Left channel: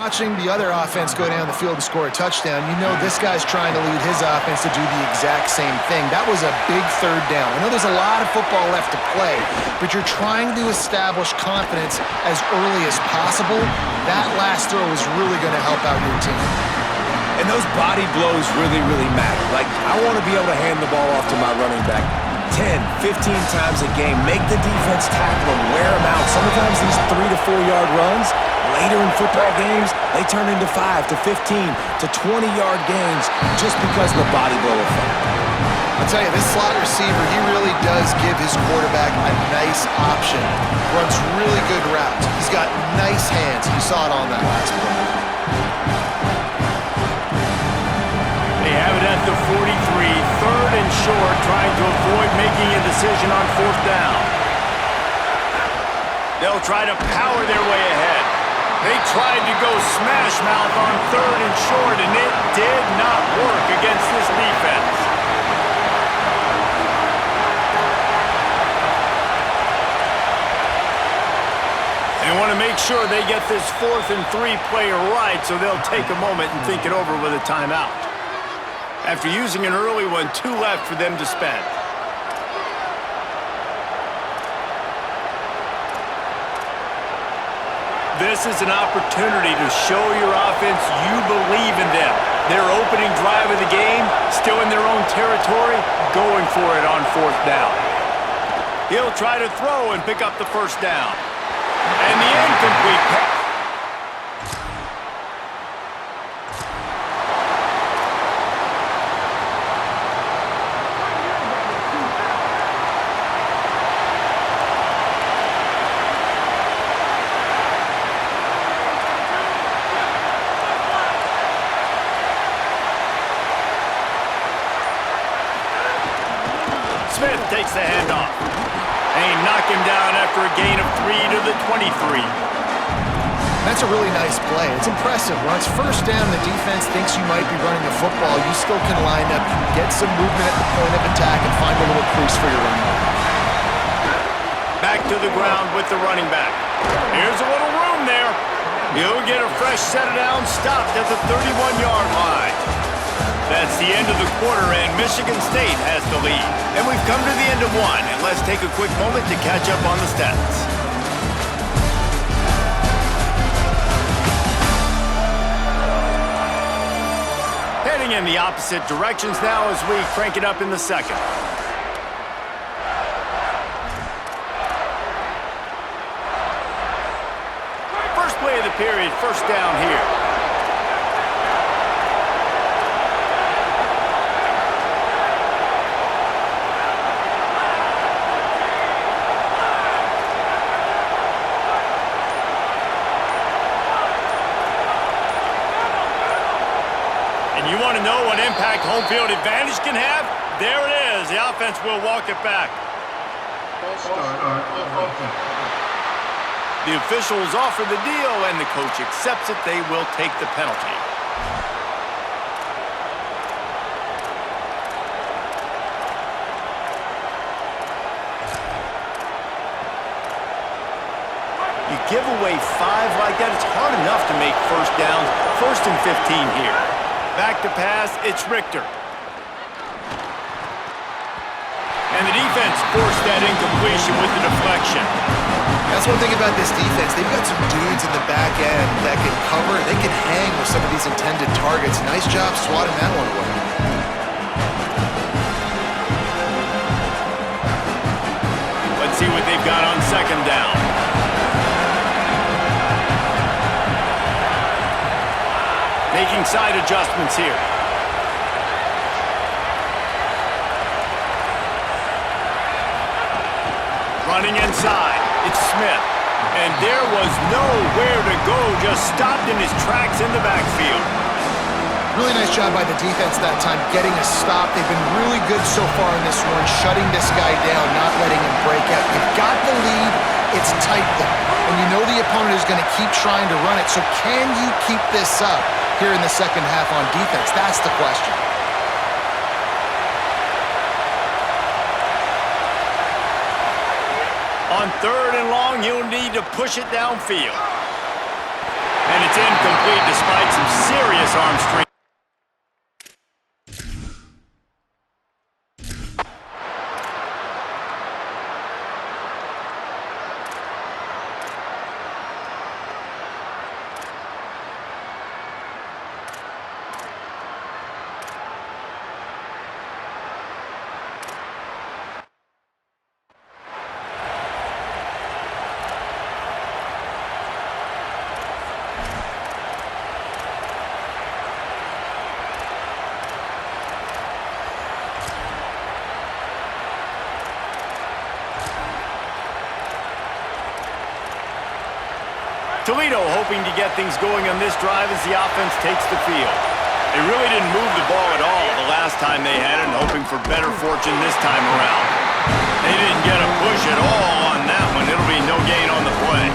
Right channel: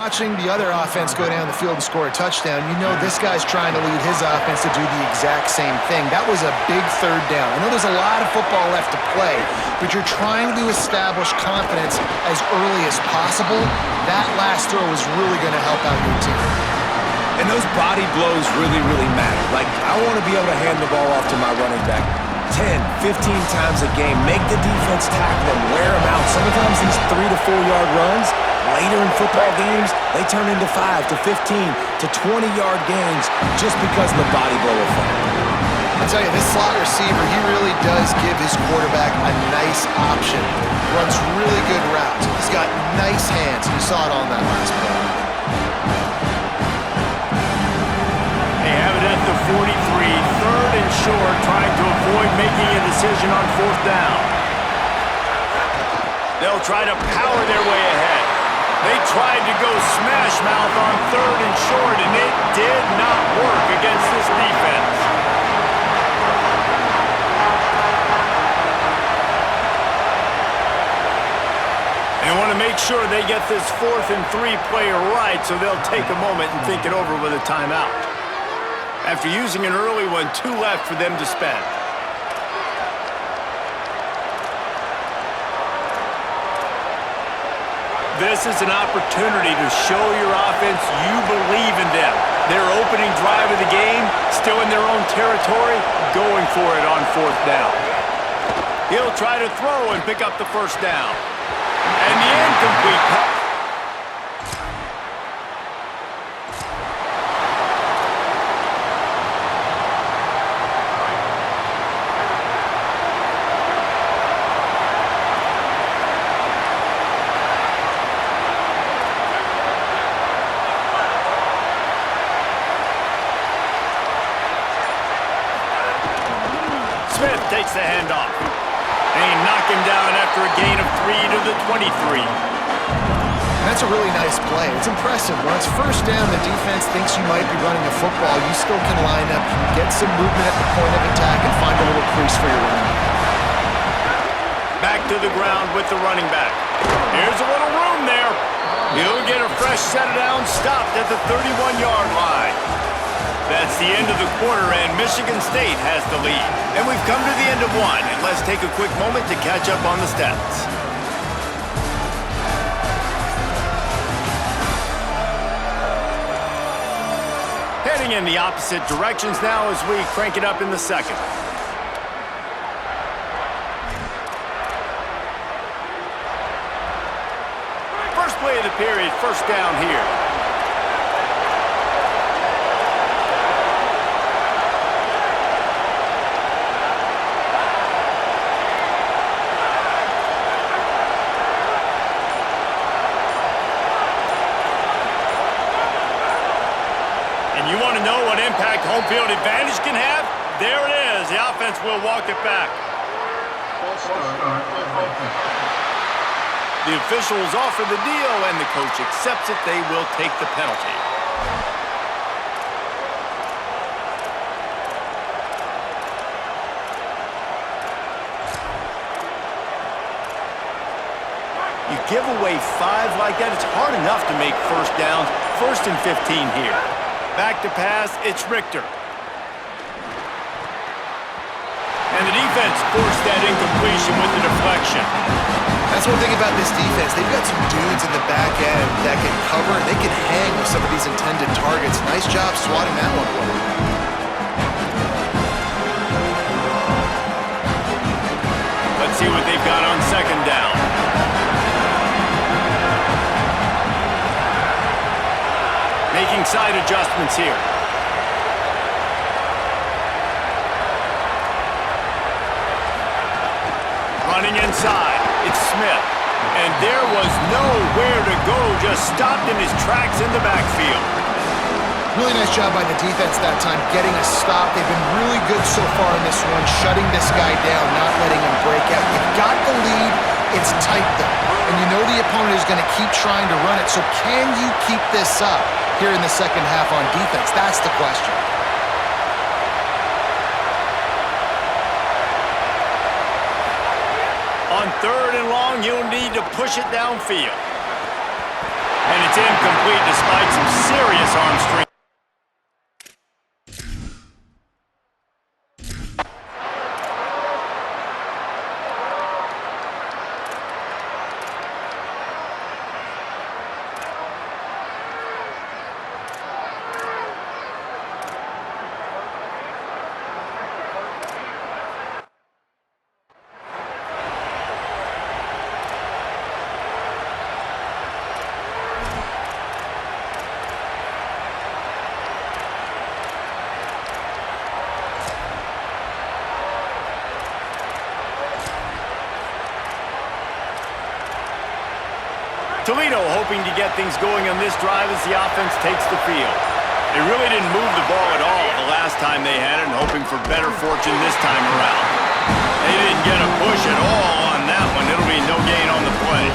Watching the other offense go down the field and score a touchdown, you know this guy's trying to lead his offense to do the exact same thing. That was a big third down. I know there's a lot of football left to play, but you're trying to establish confidence as early as possible. That last throw is really going to help out your team. And those body blows really, really matter. Like, I want to be able to hand the ball off to my running back 10, 15 times a game. Make the defense tackle them, wear them out. Sometimes these 3 to 4 yard runs, later in football games, they turn into 5 to 15 to 20-yard gains just because of the body blow effect. I'll tell you, this slot receiver, he really does give his quarterback a nice option. Runs really good routes. He's got nice hands. You saw it on that last play. They have it at the 43, third and short, trying to avoid making a decision on fourth down. They'll try to power their way ahead. They tried to go smash mouth on third and short, and it did not work against this defense. They want to make sure they get this 4th and 3 play right, so they'll take a moment and think it over with a timeout. After using an early one, 2 left for them to spend. This is an opportunity to show your offense you believe in them. Their opening drive of the game, still in their own territory, going for it on 4th down. He'll try to throw and pick up the first down. And the incomplete pass. Smith takes the handoff. And he knocked him down after a gain of 3 to the 23. That's a really nice play. It's impressive. When it's first down, the defense thinks you might be running the football. You still can line up, get some movement at the point of attack, and find a little crease for your running back. Back to the ground with the running back. Here's a little room there. He'll get a fresh set of downs stopped at the 31-yard line. That's the end of the quarter, and Michigan State has the lead. And we've come to the end of one, and let's take a quick moment to catch up on the stats. Heading in the opposite directions now as we crank it up in the second. First play of the period, first down here. You want to know what impact home field advantage can have? There it is. The offense will walk it back. The officials offer the deal, and the coach accepts it. They will take the penalty. You give away 5 like that, it's hard enough to make first downs. 1st and 15 here. Back to pass, it's Richter. And the defense forced that incompletion with the deflection. That's one thing about this defense. They've got some dudes in the back end that can cover. They can hang with some of these intended targets. Nice job swatting that one away. Let's see what they've got on second down. Making side adjustments here. Running inside, it's Smith. And there was nowhere to go, just stopped in his tracks in the backfield. Really nice job by the defense that time, getting a stop. They've been really good so far in this one, shutting this guy down, not letting him break out. You've got the lead. It's tight, though. And you know the opponent is going to keep trying to run it. So can you keep this up here in the second half on defense? That's the question. On third and long, you'll need to push it downfield. And it's incomplete despite some serious arm strength. Toledo hoping to get things going on this drive as the offense takes the field. They really didn't move the ball at all the last time they had it, and hoping for better fortune this time around. They didn't get a push at all on that one. It'll be no gain on the play.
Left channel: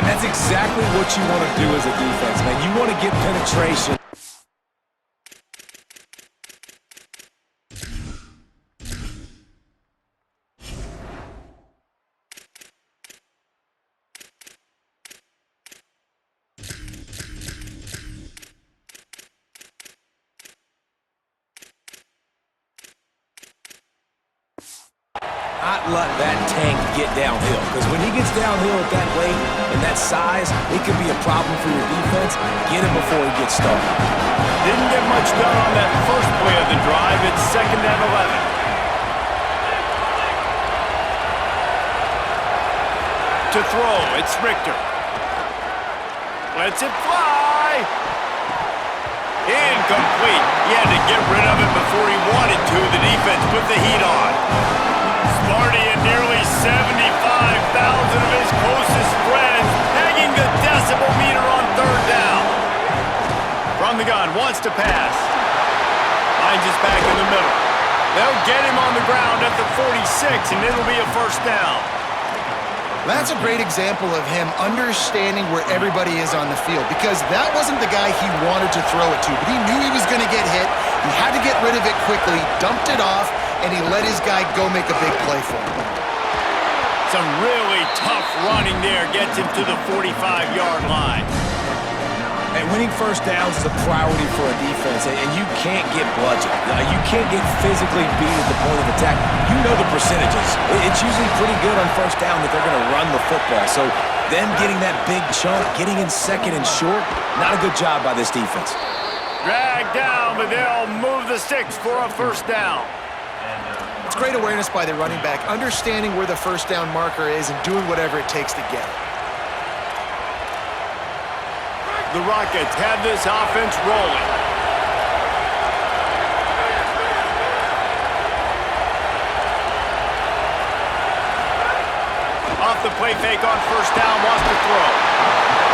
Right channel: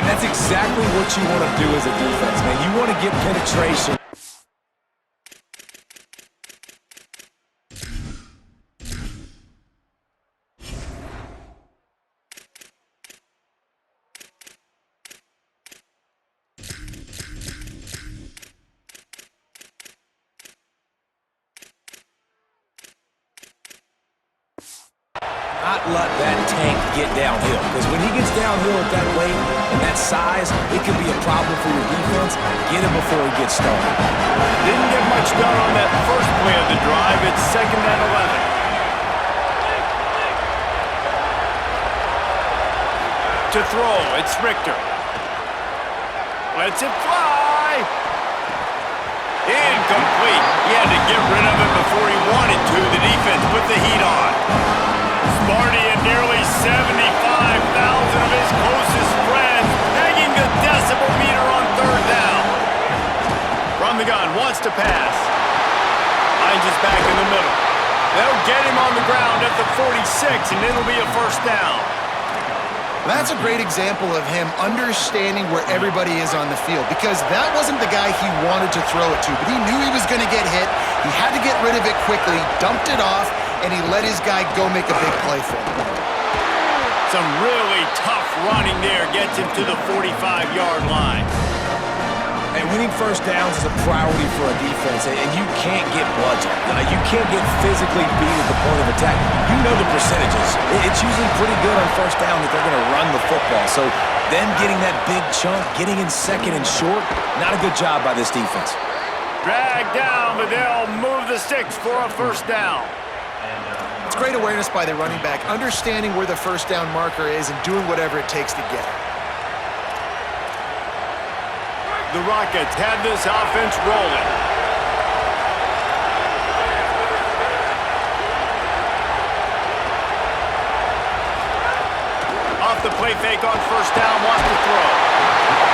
And that's exactly what you want to do as a defense, man. You want to get penetration. Not let that tank get downhill, because when he gets downhill at that weight and that size, it could be a problem for your defense. Get him before he gets started. Didn't get much done on that first play of the drive. It's 2nd and 11. To throw, it's Richter. Lets it fly. Incomplete. He had to get rid of it before he wanted to. The defense put the heat on. Sparty and nearly 75,000 of his closest friends pegging the decibel meter on 3rd down. From the gun, wants to pass. Finds his back in the middle. They'll get him on the ground at the 46, and it'll be a 1st down. That's a great example of him understanding where everybody is on the field, because that wasn't the guy he wanted to throw it to, but he knew he was going to get hit. He had to get rid of it quickly, dumped it off, and he let his guy go make a big play for him. Some really tough running there gets him to the 45-yard line. And winning 1st downs is a priority for a defense, and you can't get bludgeoned. You can't get physically beat at the point of attack. You know the percentages. It's usually pretty good on 1st down that they're going to run the football. So them getting that big chunk, getting in 2nd and short, not a good job by this defense. Dragged down, but they'll move the sticks for a 1st down. It's great awareness by the running back, understanding where the 1st down marker is and doing whatever it takes to get it. The Rockets have this offense rolling. Off the play fake on 1st down, wants to throw.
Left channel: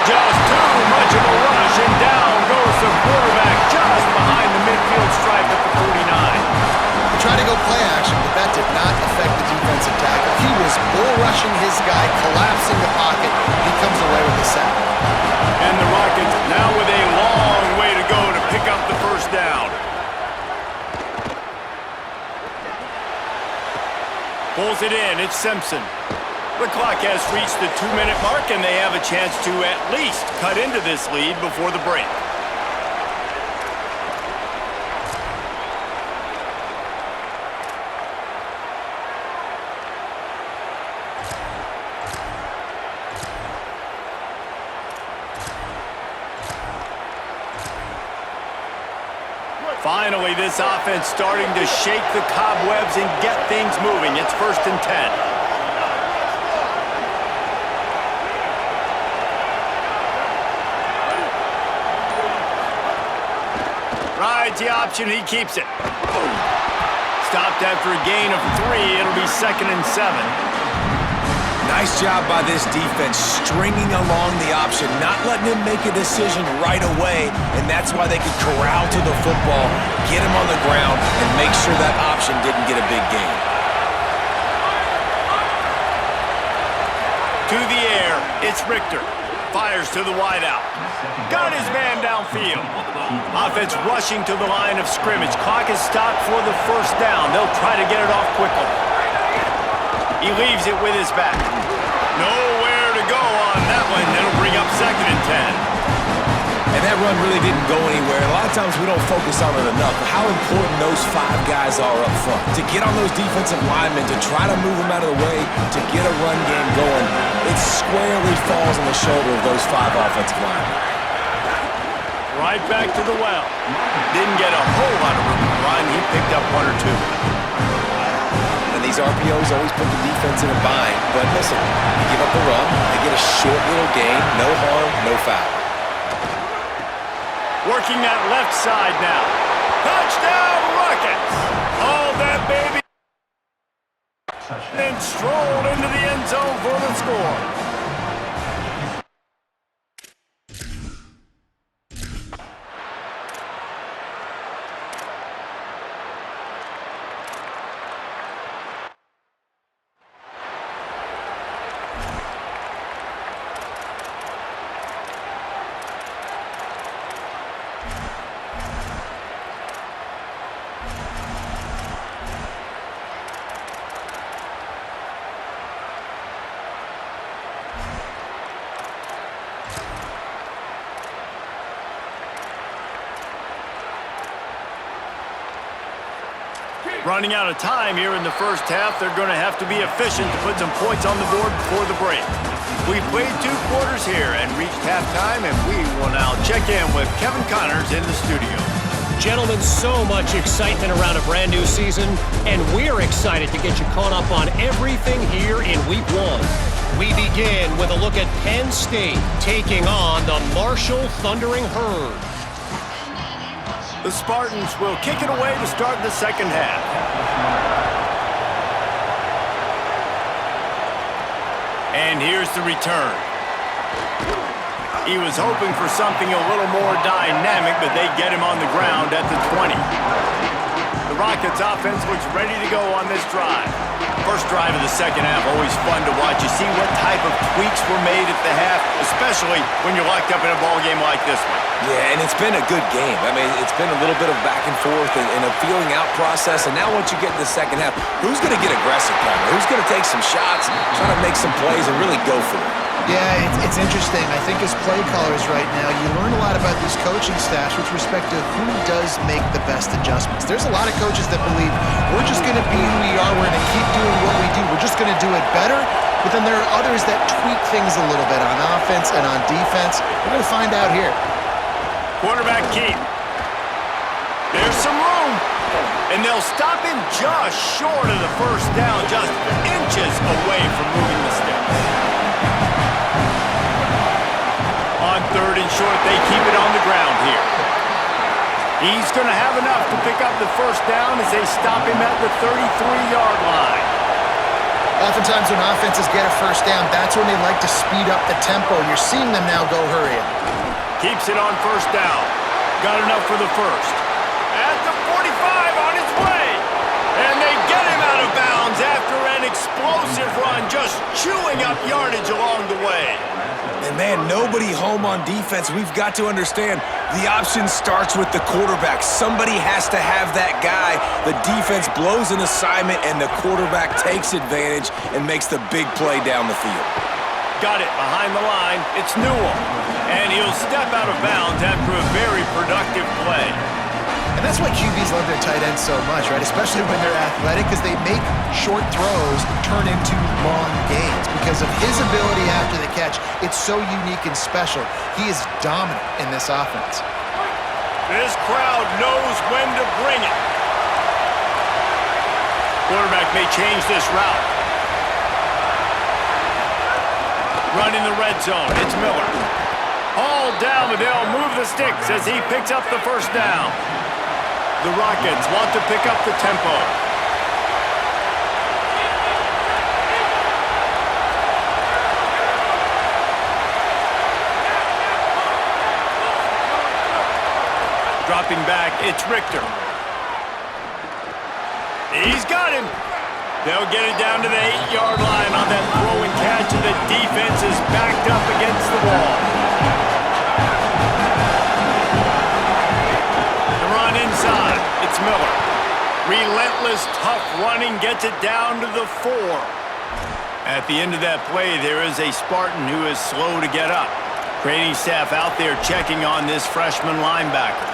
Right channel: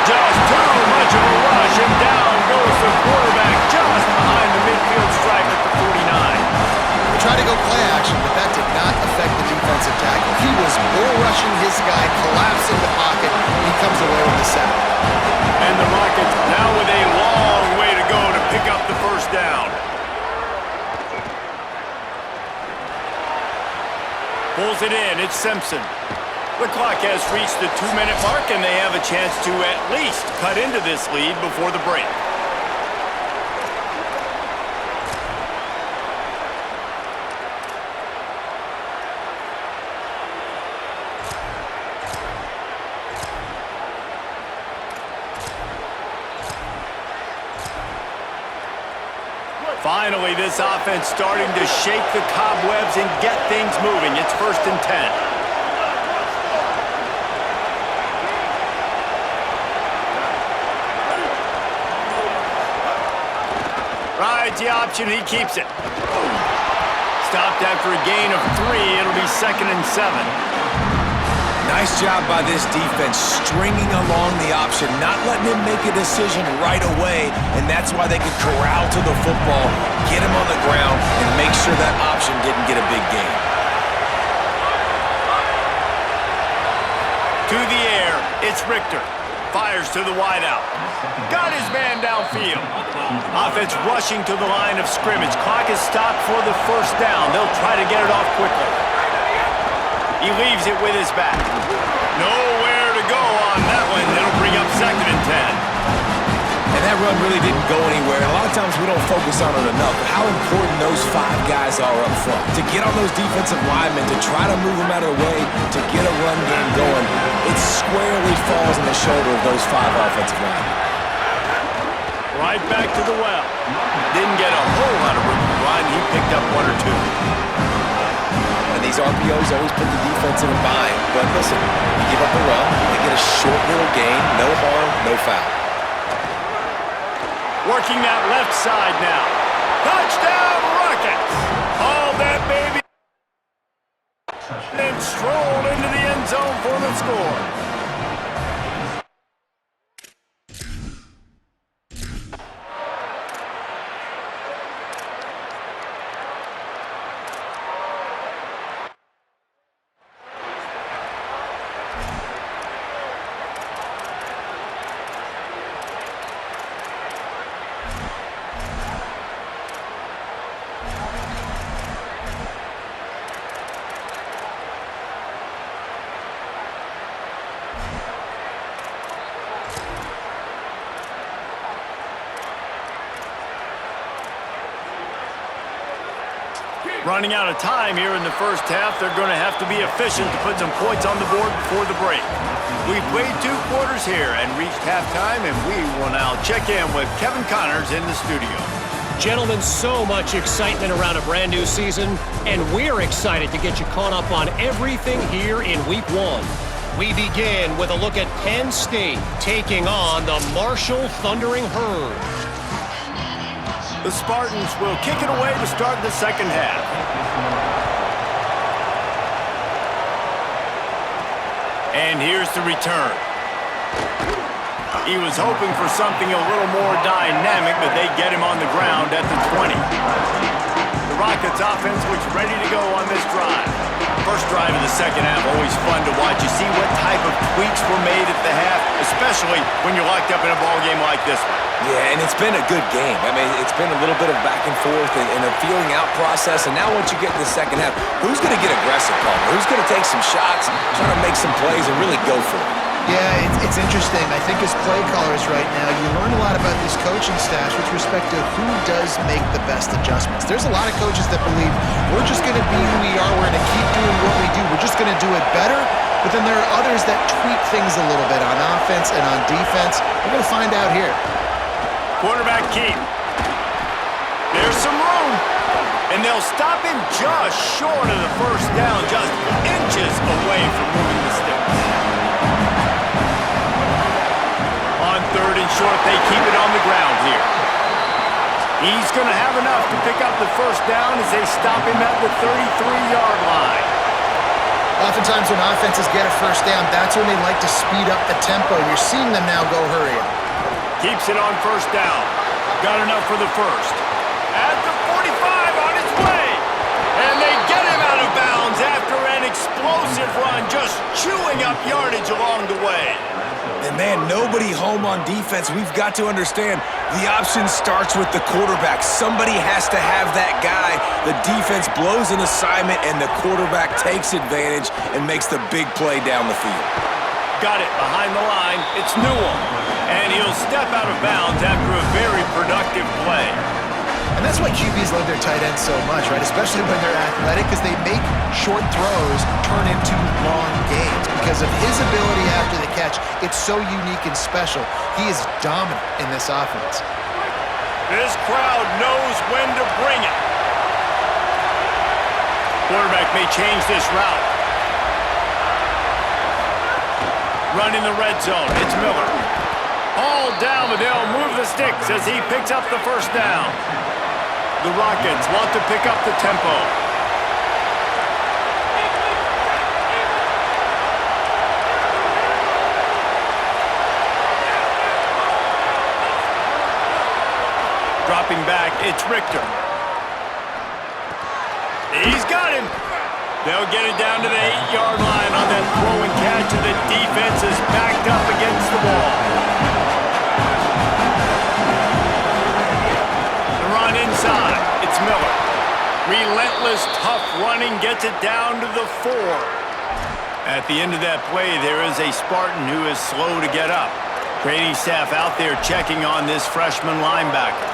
Just too much of a rush, and down goes the quarterback just behind the midfield stripe at the 49. They tried to go play action, but that did not affect the defensive tackle. He was bull rushing his guy, collapsing the pocket. He comes away with a sack. And the Rockets now with a long way to go to pick up the 1st down. Pulls it in, it's Simpson. The clock has reached the 2-minute mark, and they have a chance to at least cut into this lead before the break. Finally, this offense starting to shake the cobwebs and get things moving. It's 1st and 10. Rides the option, he keeps it. Stopped after a gain of 3. It'll be 2nd and 7. Nice job by this defense, stringing along the option, not letting him make a decision right away, and that's why they could corral to the football, get him on the ground, and make sure that option didn't get a big gain. To the air, it's Richter. Fires to the wideout. Got his man downfield. Offense rushing to the line of scrimmage. Clock is stopped for the 1st down. They'll try to get it off quickly. He leaves it with his back. Nowhere to go on that one. It'll bring up 2nd and 10. And that run really didn't go anywhere. A lot of times we don't focus on it enough, but how important those 5 guys are up front. To get on those defensive linemen, to try to move them out of the way, to get a run game going, it squarely falls on the shoulder of those 5 offensive linemen. Right back to the well. Didn't get a whole lot of room to run. He picked up 1 or 2. And these RPOs always put the defense in a bind. But listen, you give up a run, they get a short little gain, no harm, no foul. Working that left side now. Touchdown, Rockets! All that baby. And strolled into the end zone for the score. Running out of time here in the first half. They're going to have to be efficient to put some points on the board before the break. We've played 2 quarters here and reached halftime, and we will now check in with Kevin Connors in the studio. Gentlemen, so much excitement around a brand new season, and we're excited to get you caught up on everything here in Week 1. We begin with a look at Penn State taking on the Marshall Thundering Herd. The Spartans will kick it away to start the second half. And here's the return. He was hoping for something a little more dynamic, but they get him on the ground at the 20. The Rockets offense looks ready to go on this drive. First drive of the second half, always fun to watch. You see what type of tweaks were made at the half, especially when you're locked up in a ball game like this one. Yeah, and it's been a good game. I mean, it's been a little bit of back and forth and a feeling out process. And now once you get in the second half, who's going to get aggressive, Palmer? Who's going to take some shots, try to make some plays, and really go for it? Yeah, it's interesting. I think as play callers right now, you learn a lot about these coaching staffs with respect to who does make the best adjustments. There's a lot of coaches that believe we're just going to be who we are. We're going to keep doing what we do. We're just going to do it better. But then there are others that tweak things a little bit on offense and on defense. We're going to find out here. Quarterback keep. There's some room. And they'll stop him just short of the first down, just inches away from moving the sticks. On 3rd and short, they keep it on the ground here. He's going to have enough to pick up the first down as they stop him at the 33-yard line. Oftentimes when offenses get a first down, that's when they like to speed up the tempo. You're seeing them now go hurry up. Keeps it on first down. Got enough for the first. At the 45 on his way. And they get him out of bounds after an explosive run, just chewing up yardage along the way. And man, nobody home on defense. We've got to understand the option starts with the quarterback. Somebody has to have that guy. The defense blows an assignment and the quarterback takes advantage and makes the big play down the field. Got it behind the line. It's Newell. And he'll step out of bounds after a very productive play. And that's why QBs love their tight ends so much, right? Especially when they're athletic, because they make short throws turn into long gains. Because of his ability after the catch, it's so unique and special. He is dominant in this offense. This crowd knows when to bring it. Quarterback may change this route. Run in the red zone. It's Miller. All down, but they'll move the sticks as he picks up the first down. The Rockets want to pick up the tempo. Dropping back, it's Richter. He's got him. They'll get it down to the 8-yard line on that throw and catch, and the defense is backed up against the wall. The run inside, it's Miller. Relentless, tough running, gets it down to the 4. At the end of that play, there is a Spartan who is slow to get up. Training staff out there checking on this freshman linebacker.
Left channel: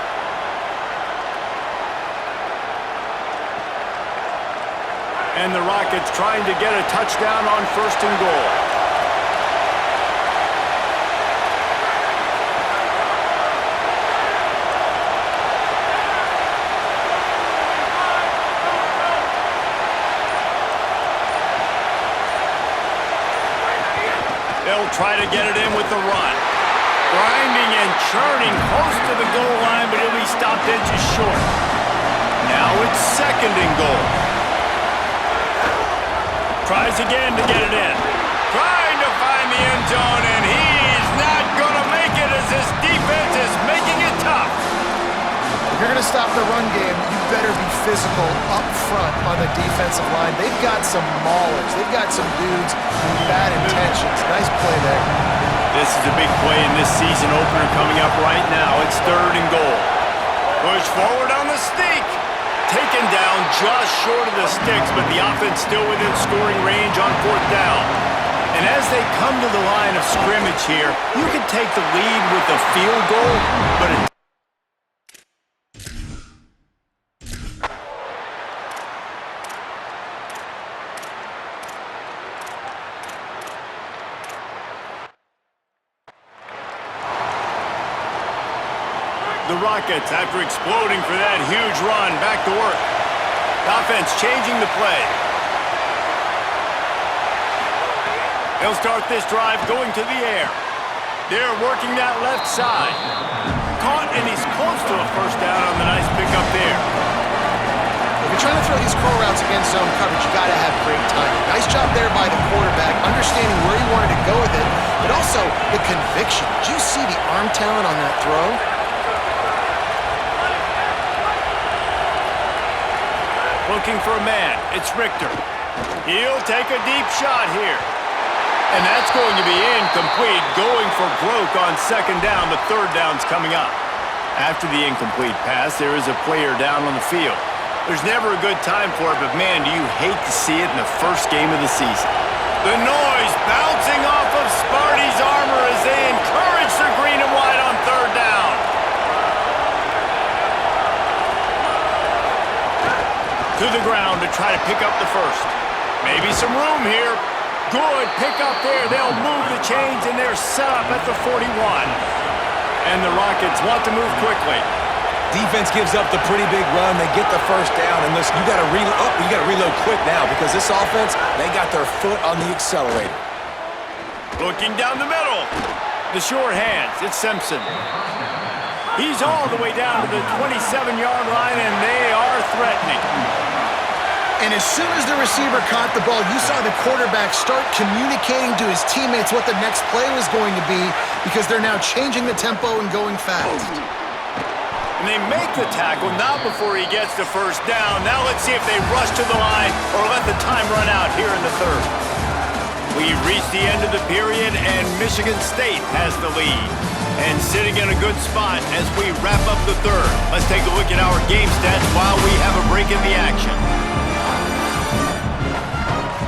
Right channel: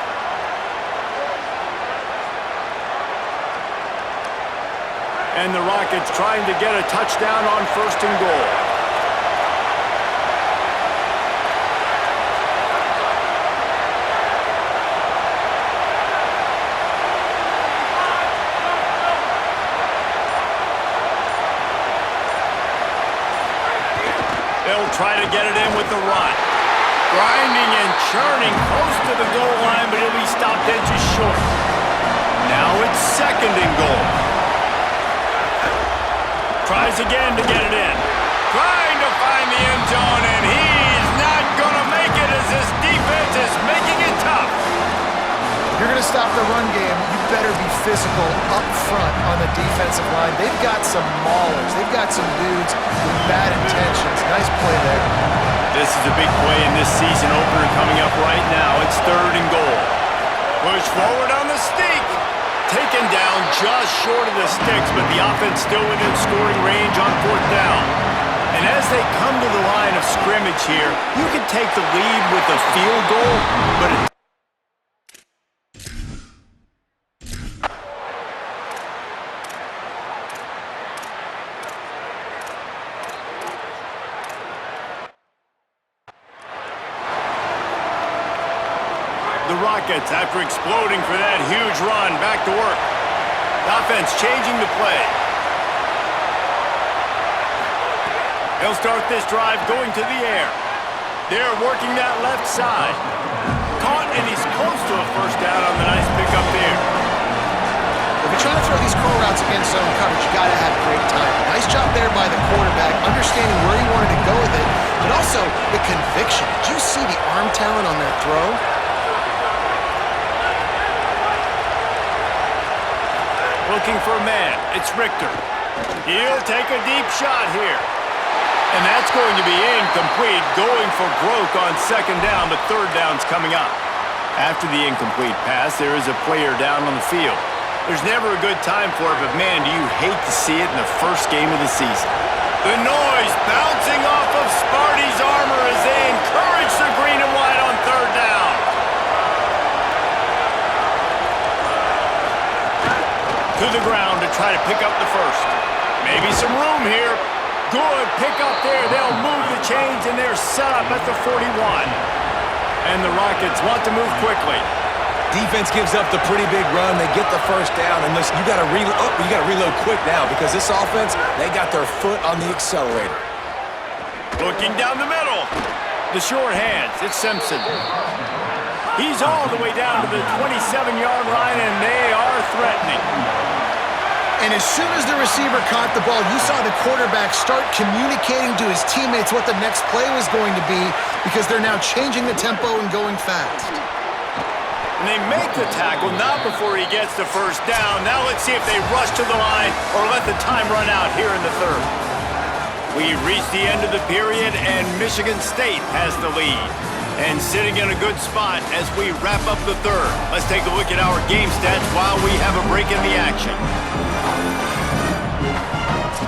And the Rockets trying to get a touchdown on 1st and goal. They'll try to get it in with the run. Grinding and churning close to the goal line, but he'll be stopped in just short. Now it's 2nd and goal. Tries again to get it in. Trying to find the end zone, and he's not going to make it as this defense is making it tough. If you're going to stop the run game, you better be physical up front on the defensive line. They've got some maulers. They've got some dudes with bad intentions. Nice play there. This is a big play in this season opener coming up right now. It's 3rd and goal. Push forward on the sneak. Taken down just short of the sticks, but the offense still within scoring range on 4th down. And as they come to the line of scrimmage here, you can take the lead with a field goal, but the Rockets, after exploding for that huge run, back to work. The offense changing the play. They'll start this drive going to the air. They're working that left side. Caught, and he's close to a 1st down on the nice pickup there. If you're trying to throw these curl routes against zone coverage, you got to have great timing. Nice job there by the quarterback, understanding where he wanted to go with it, but also the conviction. Did you see the arm talent on that throw? Looking for a man. It's Richter. He'll take a deep shot here. And that's going to be incomplete, going for broke on 2nd down, but 3rd down's coming up. After the incomplete pass, there is a player down on the field. There's never a good time for it, but man, do you hate to see it in the first game of the season. The noise bouncing off of Sparty's armor as they encourage the green and white on 3rd down. To the ground to try to pick up the 1st. Maybe some room here. Good pick up there. They'll move the chains, and they're set up at the 41. And the Rockets want to move quickly. Defense gives up the pretty big run. They get the 1st down, and listen, you got to reload quick now because this offense, they got their foot on the accelerator. Looking down the middle. The short hands. It's Simpson. He's all the way down to the 27-yard line, and they are threatening. And as soon as the receiver caught the ball, you saw the quarterback start communicating to his teammates what the next play was going to be because they're now changing the tempo and going fast. And they make the tackle, not before he gets the 1st down. Now let's see if they rush to the line or let the time run out here in the 3rd. We've reached the end of the period, and Michigan State has the lead. And sitting in a good spot as we wrap up the 3rd. Let's take a look at our game stats while we have a break in the action.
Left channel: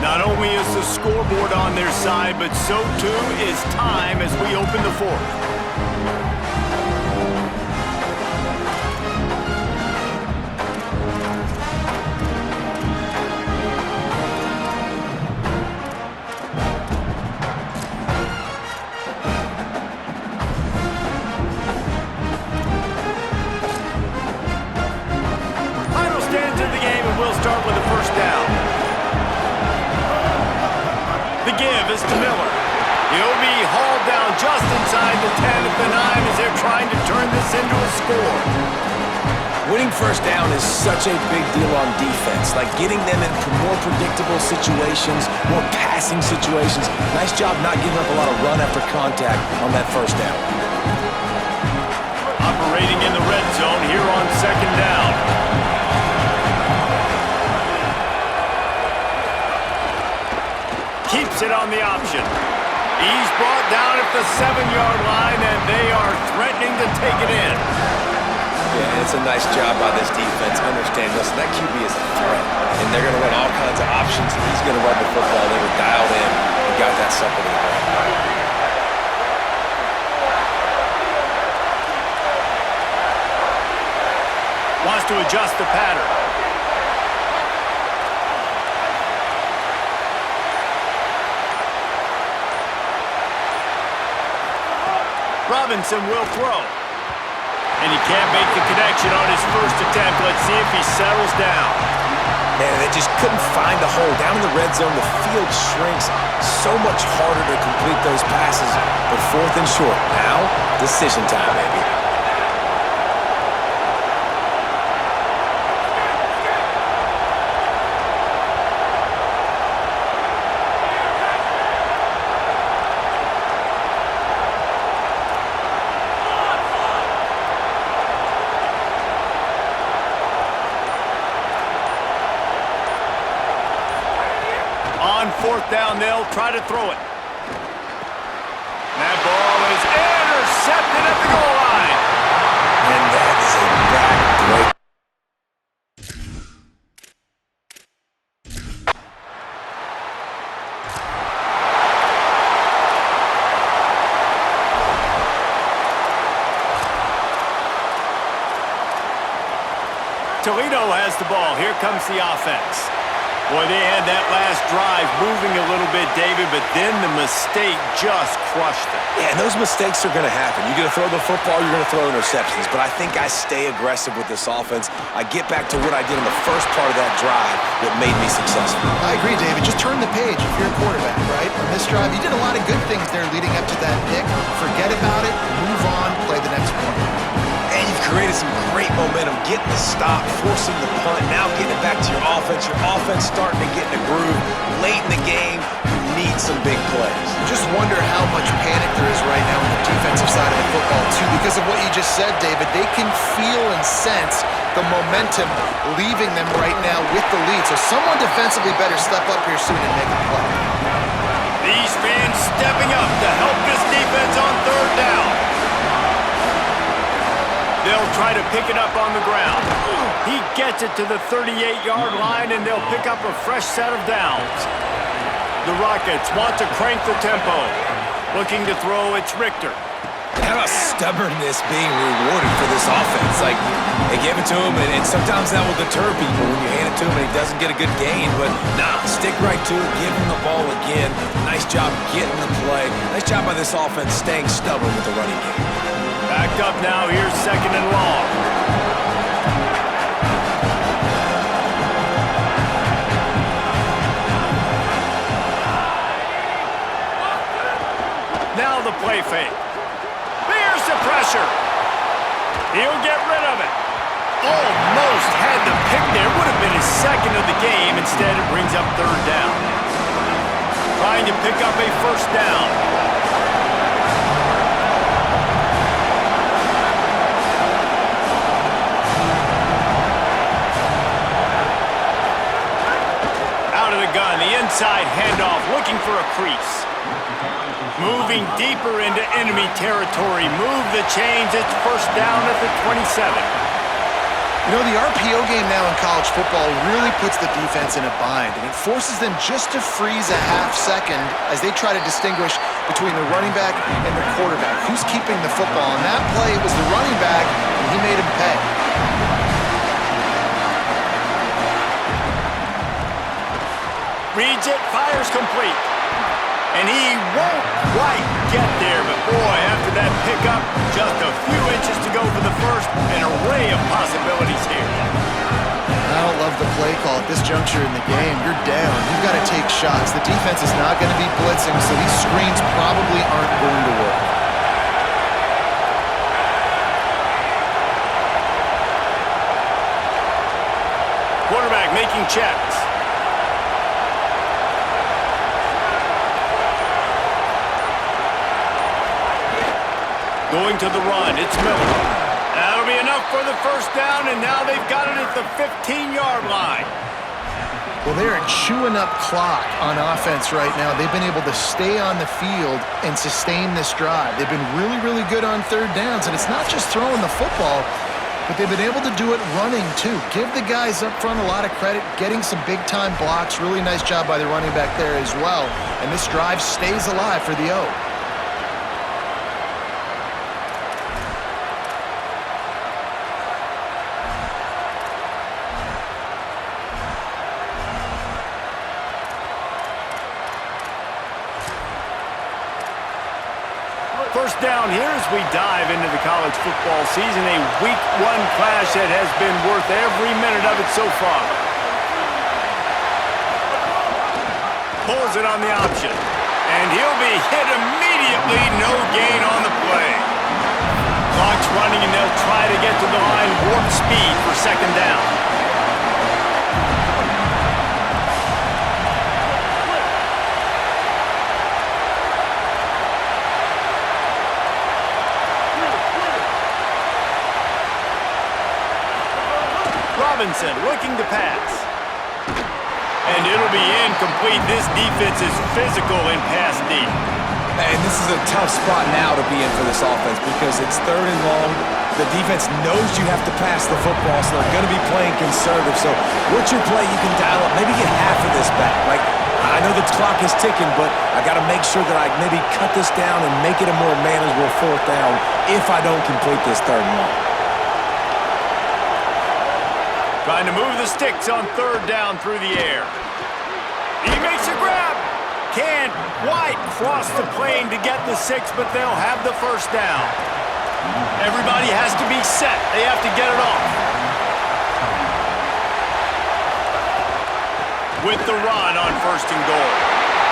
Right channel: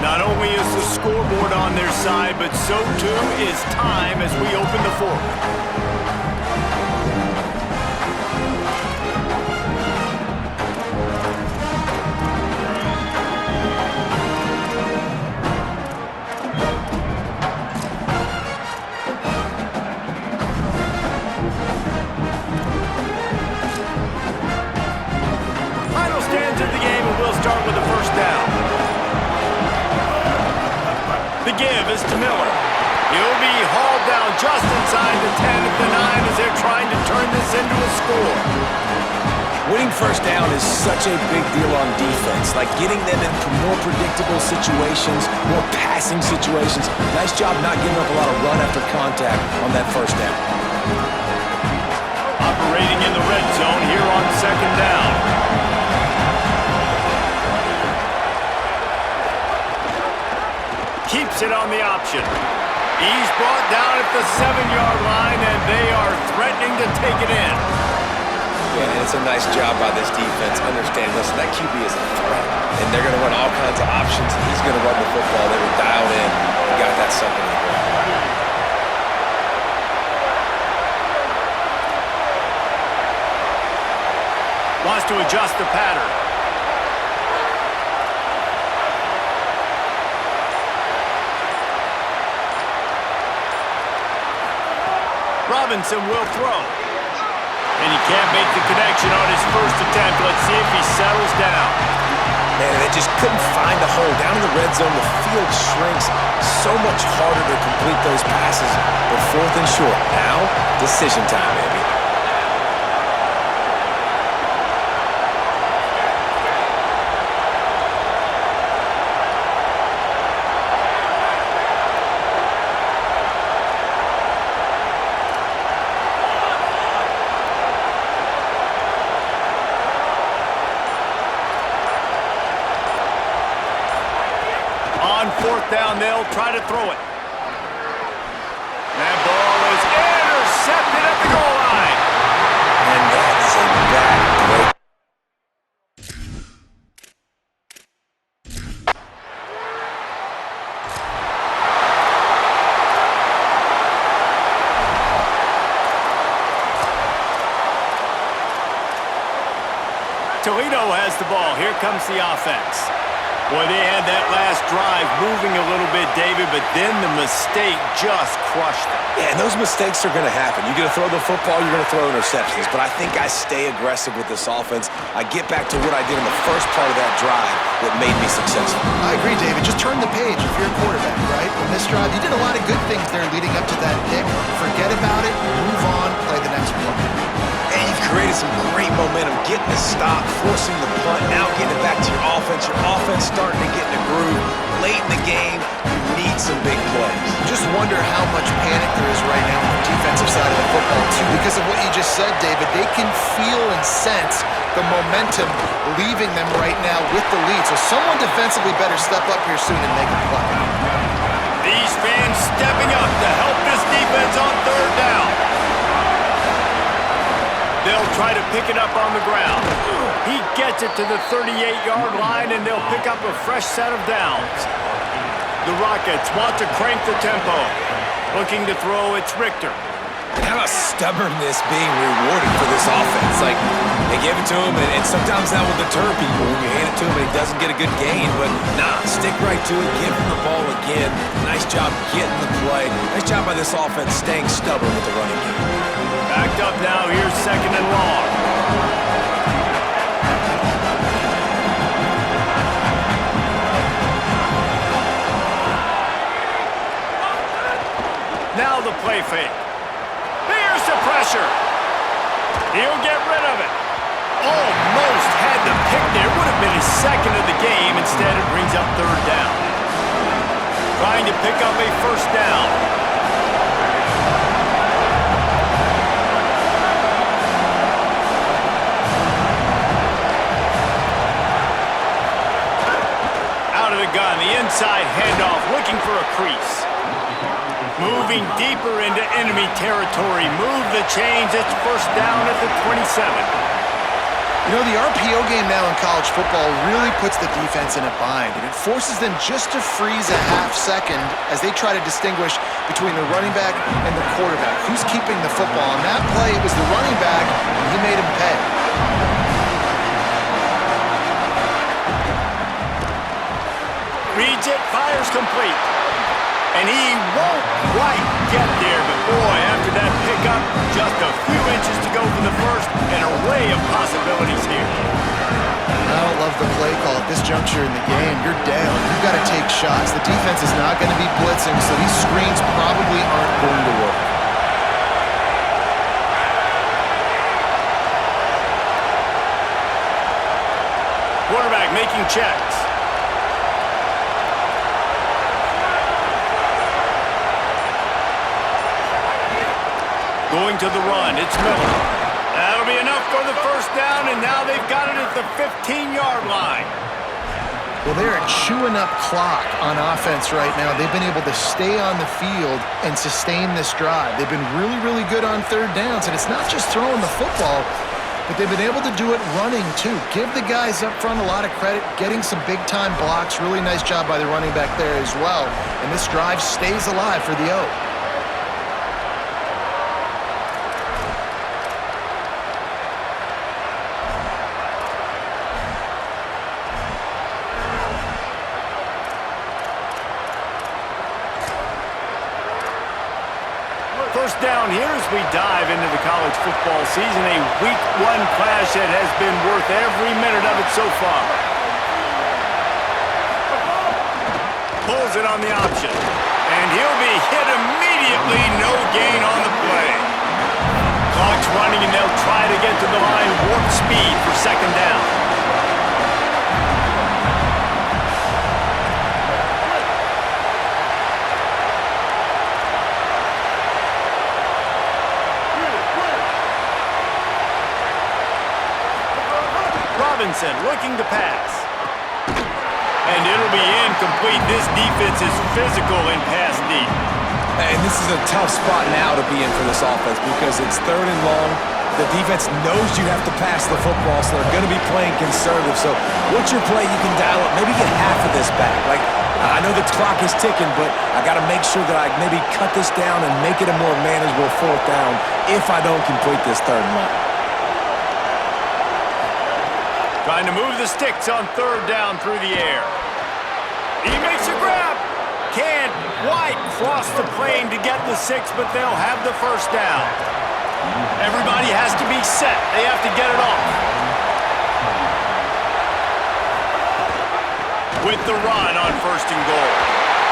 Not only is the scoreboard on their side, but so too is time as we open the 4th. Final stands of the game, and we'll start with the 1st down. The give is to Miller. He'll be hauled down just inside the 10 at the 9 as they're trying to turn this into a score. Winning 1st down is such a big deal on defense, like getting them into more predictable situations, more passing situations. Nice job not giving up a lot of run after contact on that 1st down. Operating in the red zone here on 2nd down. Keeps it on the option. He's brought down at the 7-yard line, and they are threatening to take it in. Yeah, and it's a nice job by this defense. Understand, listen, that QB is a threat, and they're going to run all kinds of options, and he's going to run the football. They were dialed in and got that sucker to the ground. Wants to adjust the pattern. Robinson will throw. And he can't make the connection on his first attempt. Let's see if he settles down. Man, they just couldn't find a hole. Down in the red zone, the field shrinks. So much harder to complete those passes. But 4th and short. Now, decision time, baby. On 4th down, they'll try to throw it. That ball is intercepted at the goal line. And that is a back break. Toledo has the ball. Here comes the offense. Boy, they had that last drive moving a little bit, David, but then the mistake just crushed them. Yeah, and those mistakes are going to happen. You're going to throw the football, you're going to throw interceptions. But I think I stay aggressive with this offense. I get back to what I did in the first part of that drive that made me successful. I agree, David. Just turn the page if you're a quarterback, right? On this drive, you did a lot of good things there leading up to that pick. Forget about it, move on, play the next play. And you've created some great momentum, getting the stop, forcing the punt, now getting it back to your offense. Your offense starting to get in a groove. Late in the game, you need some big plays. Just wonder how much panic there is right now on the defensive side of the football, too, because of what you just said, David. They can feel and sense the momentum leaving them right now with the lead. So someone defensively better step up here soon and make a play. These fans stepping up to help this defense on 3rd down. They'll try to pick it up on the ground. He gets it to the 38-yard line, and they'll pick up a fresh set of downs. The Rockets want to crank the tempo. Looking to throw, it's Richter. And how about stubbornness being rewarded for this offense? Like, they give it to him, and sometimes that will deter people when you hand it to him and he doesn't get a good gain. But, nah, stick right to it, give him the ball again. Nice job getting the play. Nice job by this offense staying stubborn with the running game. Backed up now, here's 2nd and long. Now the play fake. There's the pressure. He'll get rid of it. Almost had the pick there. Would have been his 2nd of the game. Instead, it brings up 3rd down. Trying to pick up a 1st down. Out of the gun, the inside handoff, looking for a crease. Moving deeper into enemy territory. Move the chains. It's 1st down at the 27. You know, the RPO game now in college football really puts the defense in a bind, and it forces them just to freeze a half second as they try to distinguish between the running back and the quarterback. Who's keeping the football? On that play, it was the running back, and he made him pay. Reads it, fires complete. And he won't quite get there, but boy, after that pickup, just a few inches to go for the first. An array of possibilities here. I don't love the play call at this juncture in the game. You're down. You've got to take shots. The defense is not going to be blitzing, so these screens probably aren't going to work. Quarterback making checks. Going to the run, it's Miller. That'll be enough for the 1st down, and now they've got it at the 15-yard line. Well, they're chewing up clock on offense right now. They've been able to stay on the field and sustain this drive. They've been really, really good on 3rd downs, and it's not just throwing the football, but they've been able to do it running, too. Give the guys up front a lot of credit, getting some big-time blocks. Really nice job by the running back there as well. And this drive stays alive for the O. first down here as we dive into the college football season. A week one clash that has been worth every minute of it so far. Pulls it on the option. And he'll be hit immediately. No gain on the play. Clock's running and they'll try to get to the line warp speed for second down. Robinson looking to pass. And it'll be incomplete. This defense is physical in pass deep. And this is a tough spot now to be in for this offense because it's third and long. The defense knows you have to pass the football, so they're going to be playing conservative. So what's your play you can dial up? Maybe get half of this back. Like, I know the clock is ticking, but I got to make sure that I maybe cut this down and make it a more manageable fourth down if I don't complete this third and long. Trying to move the sticks on third down through the air. He makes a grab. Can't quite cross the plane to get the 6, but they'll have the first down. Everybody has to be set. They have to get it off. With the run on first and goal.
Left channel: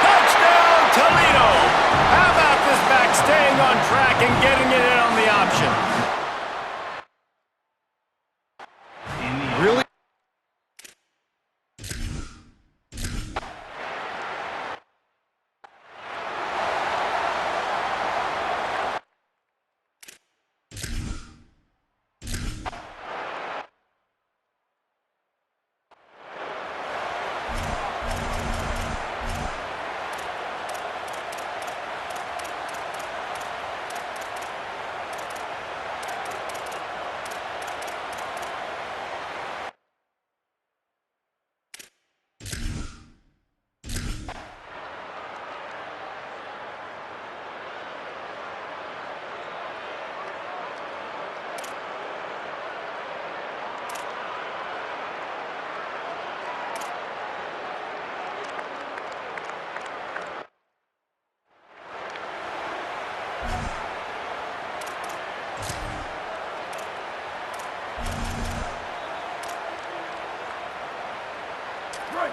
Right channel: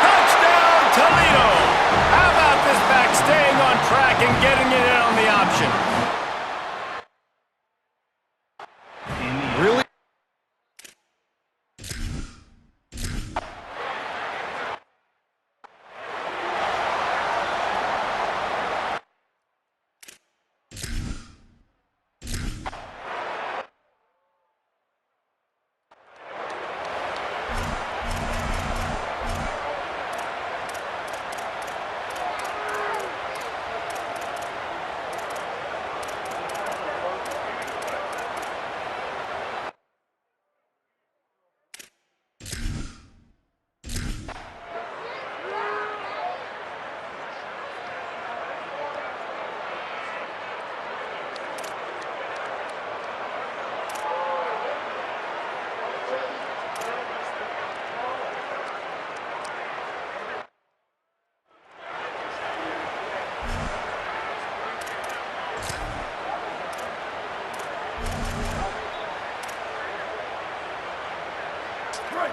Touchdown, Toledo! How about this back staying on track and getting it in on the option? Really?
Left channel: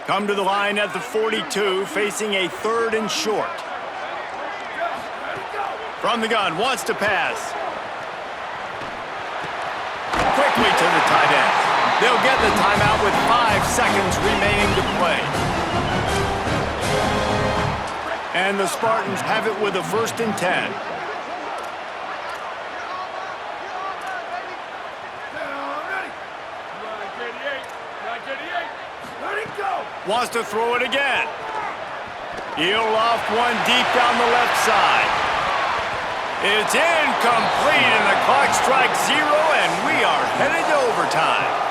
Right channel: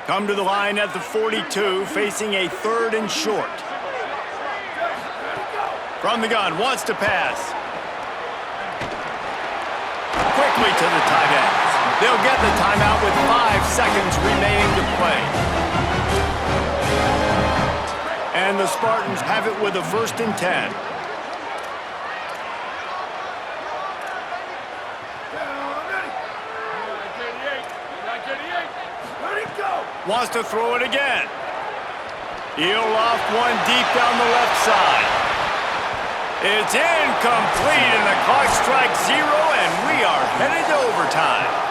Come to the line at the 42, facing a third and short. From the gun, wants to pass. Quickly to the tight end. They'll get the timeout with 5 seconds remaining to play. And the Spartans have it with a 1st and 10. Wants to throw it again. He'll loft one deep down the left side. It's incomplete, and the clock strikes 0, and we are headed to overtime.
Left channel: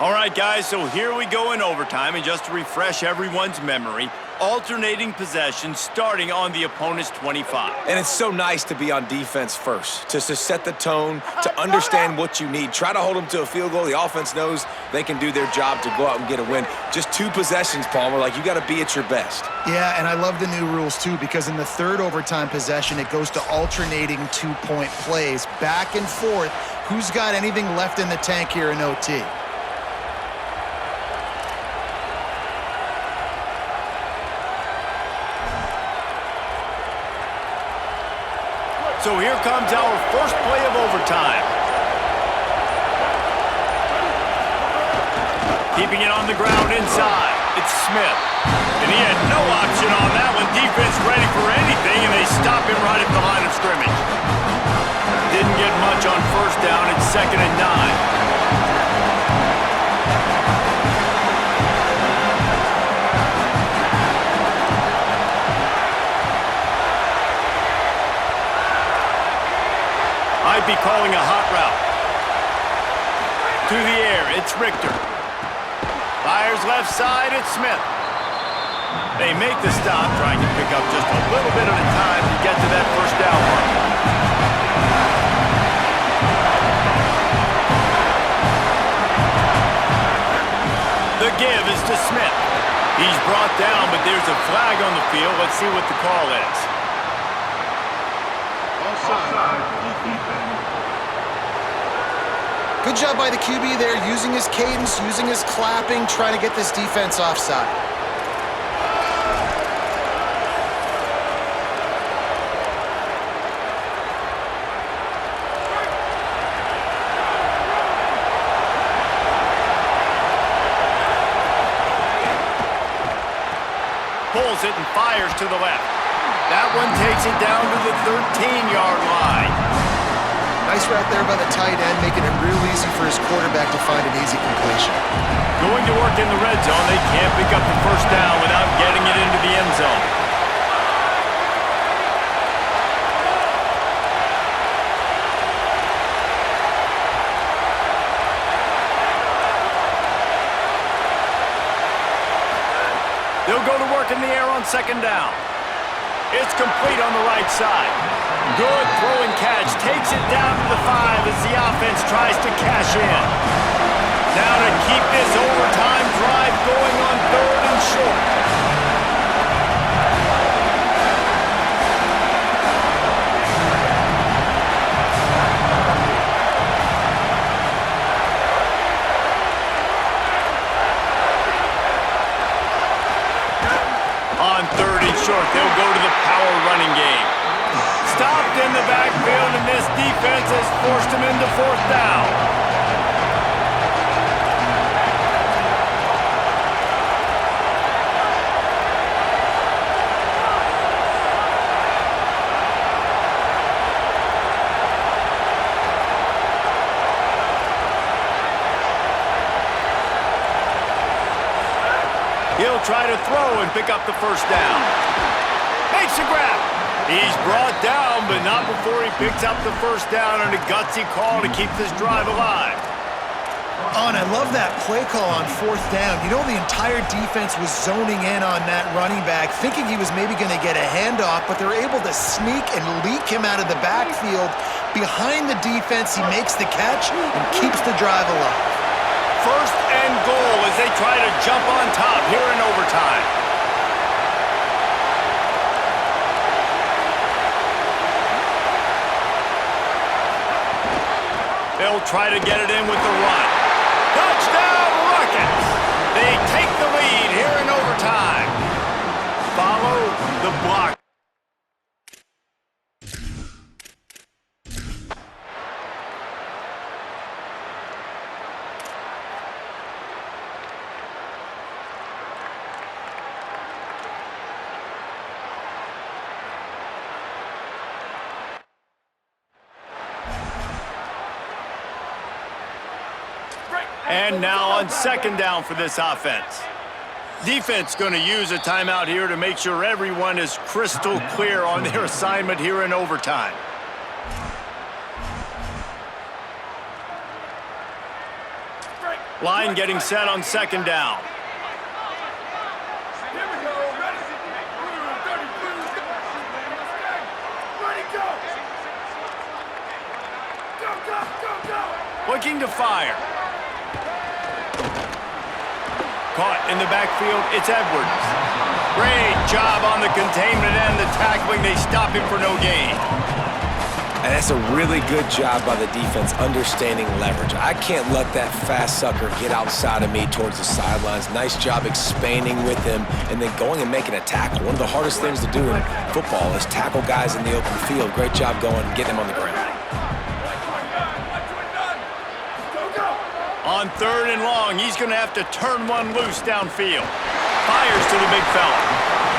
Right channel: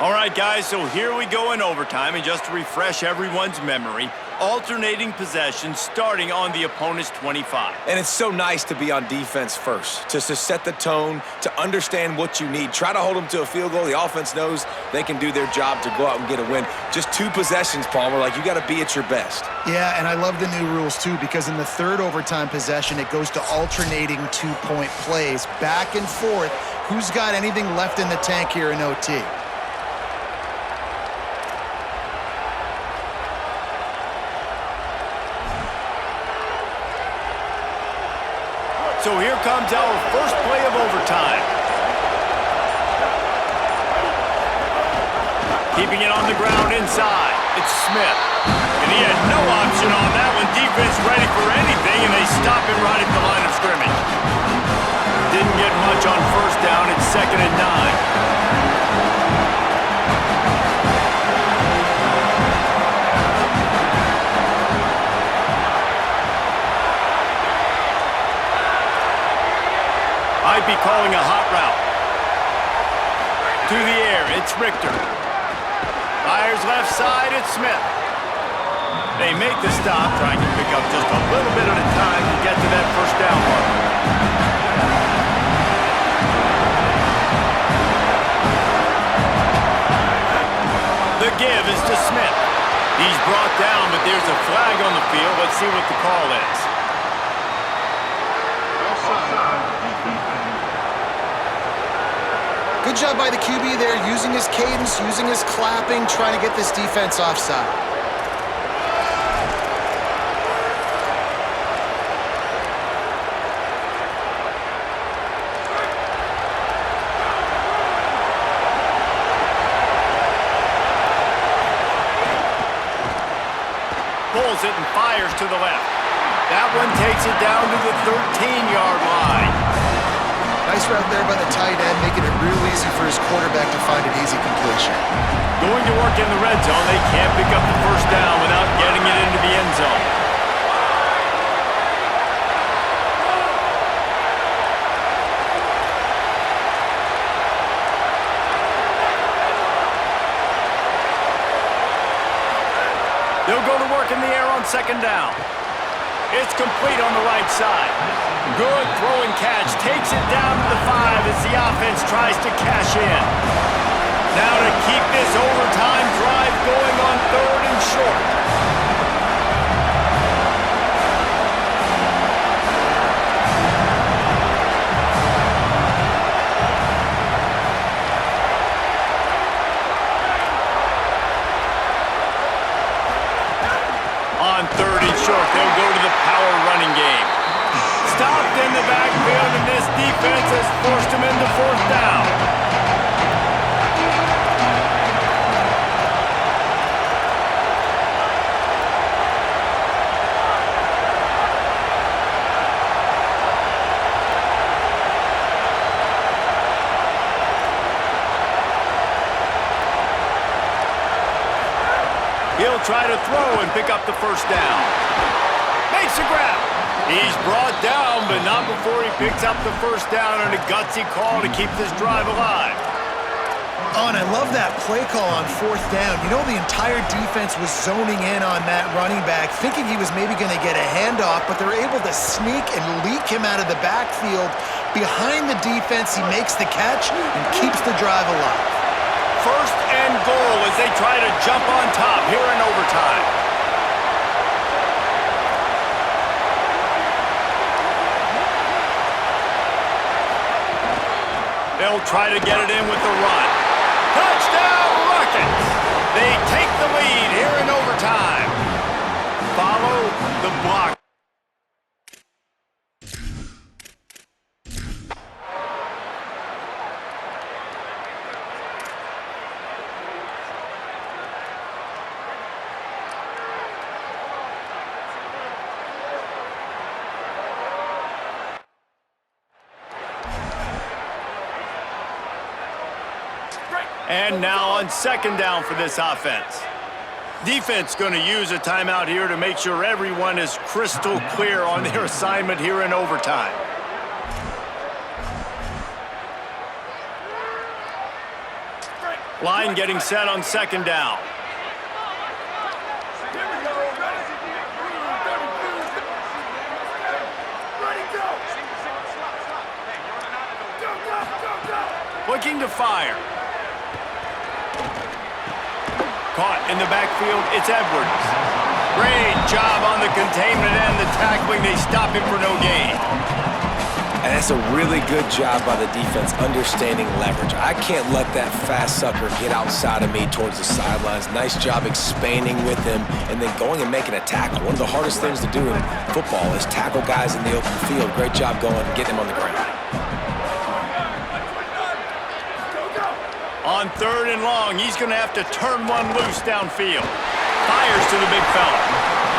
All right, guys, so here we go in overtime, and just to refresh everyone's memory, alternating possession starting on the opponent's 25. And it's so nice to be on defense first, to set the tone, to understand what you need. Try to hold them to a field goal. The offense knows they can do their job to go out and get a win. Just 2 possessions, Palmer. Like, you got to be at your best. Yeah, and I love the new rules, too, because in the third overtime possession, it goes to alternating 2-point plays, back and forth. Who's got anything left in the tank here in OT? So here comes our first play of overtime. Keeping it on the ground inside. It's Smith. And he had no option on that one. Defense ready for anything, and they stop him right at the line of scrimmage. Didn't get much on first down. It's 2nd and 9. Might be calling a hot route. To the air, it's Richter. Fires left side, it's Smith. They make the stop, trying to pick up just a little bit at a time to get to that first down marker. The give is to Smith. He's brought down, but there's a flag on the field. Let's see what the call is. Good job by the QB there, using his cadence, using his clapping, trying to get this defense offside. Pulls it and fires to the left. That one takes it down to the 13-yard line. Nice route there by the tight end, making it real easy for his quarterback to find an easy completion. Going to work in the red zone, they can't pick up the first down without getting it into the end zone. They'll go to work in the air on second down. It's complete on the right side. Good throwing catch. Takes it down to the 5 as the offense tries to cash in. Now to keep this overtime drive going on 3rd and short. On 3rd and short, they'll go to the power running game. Stopped in the backfield, and this defense has forced him into 4th down. He'll try to throw and pick up the first down. Makes a grab. He's brought down, but not before he picks up the first down on a gutsy call to keep this drive alive. Oh, and I love that play call on 4th down. You know, the entire defense was zoning in on that running back, thinking he was maybe going to get a handoff, but they're able to sneak and leak him out of the backfield. Behind the defense, he makes the catch and keeps the drive alive. 1st and goal as they try to jump on top here in overtime. They'll try to get it in with the run. Touchdown Rockets! They take the lead here in overtime. Follow the block. And now on 2nd down for this offense. Defense going to use a timeout here to make sure everyone is crystal clear on their assignment here in overtime. Line getting set on 2nd down. Looking to fire. Caught in the backfield, it's Edwards. Great job on the containment and the tackling. They stop him for no gain. And that's a really good job by the defense, understanding leverage. I can't let that fast sucker get outside of me towards the sidelines. Nice job expanding with him and then going and making a tackle. One of the hardest things to do in football is tackle guys in the open field. Great job going, getting him on the ground. On 3rd and long, he's going to have to turn one loose downfield. Fires to the big fella.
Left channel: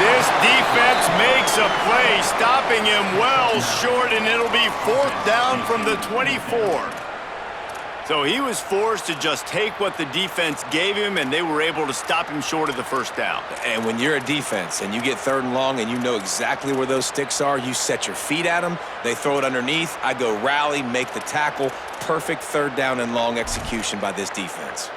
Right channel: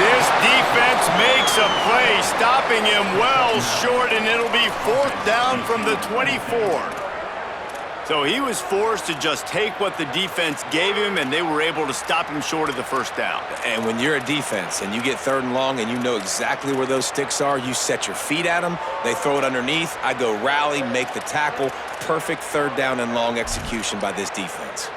This defense makes a play, stopping him well short, and it'll be 4th down from the 24. So he was forced to just take what the defense gave him, and they were able to stop him short of the first down. And when you're a defense and you get 3rd and long and you know exactly where those sticks are, you set your feet at them, they throw it underneath, I go rally, make the tackle. Perfect 3rd down and long execution by this defense.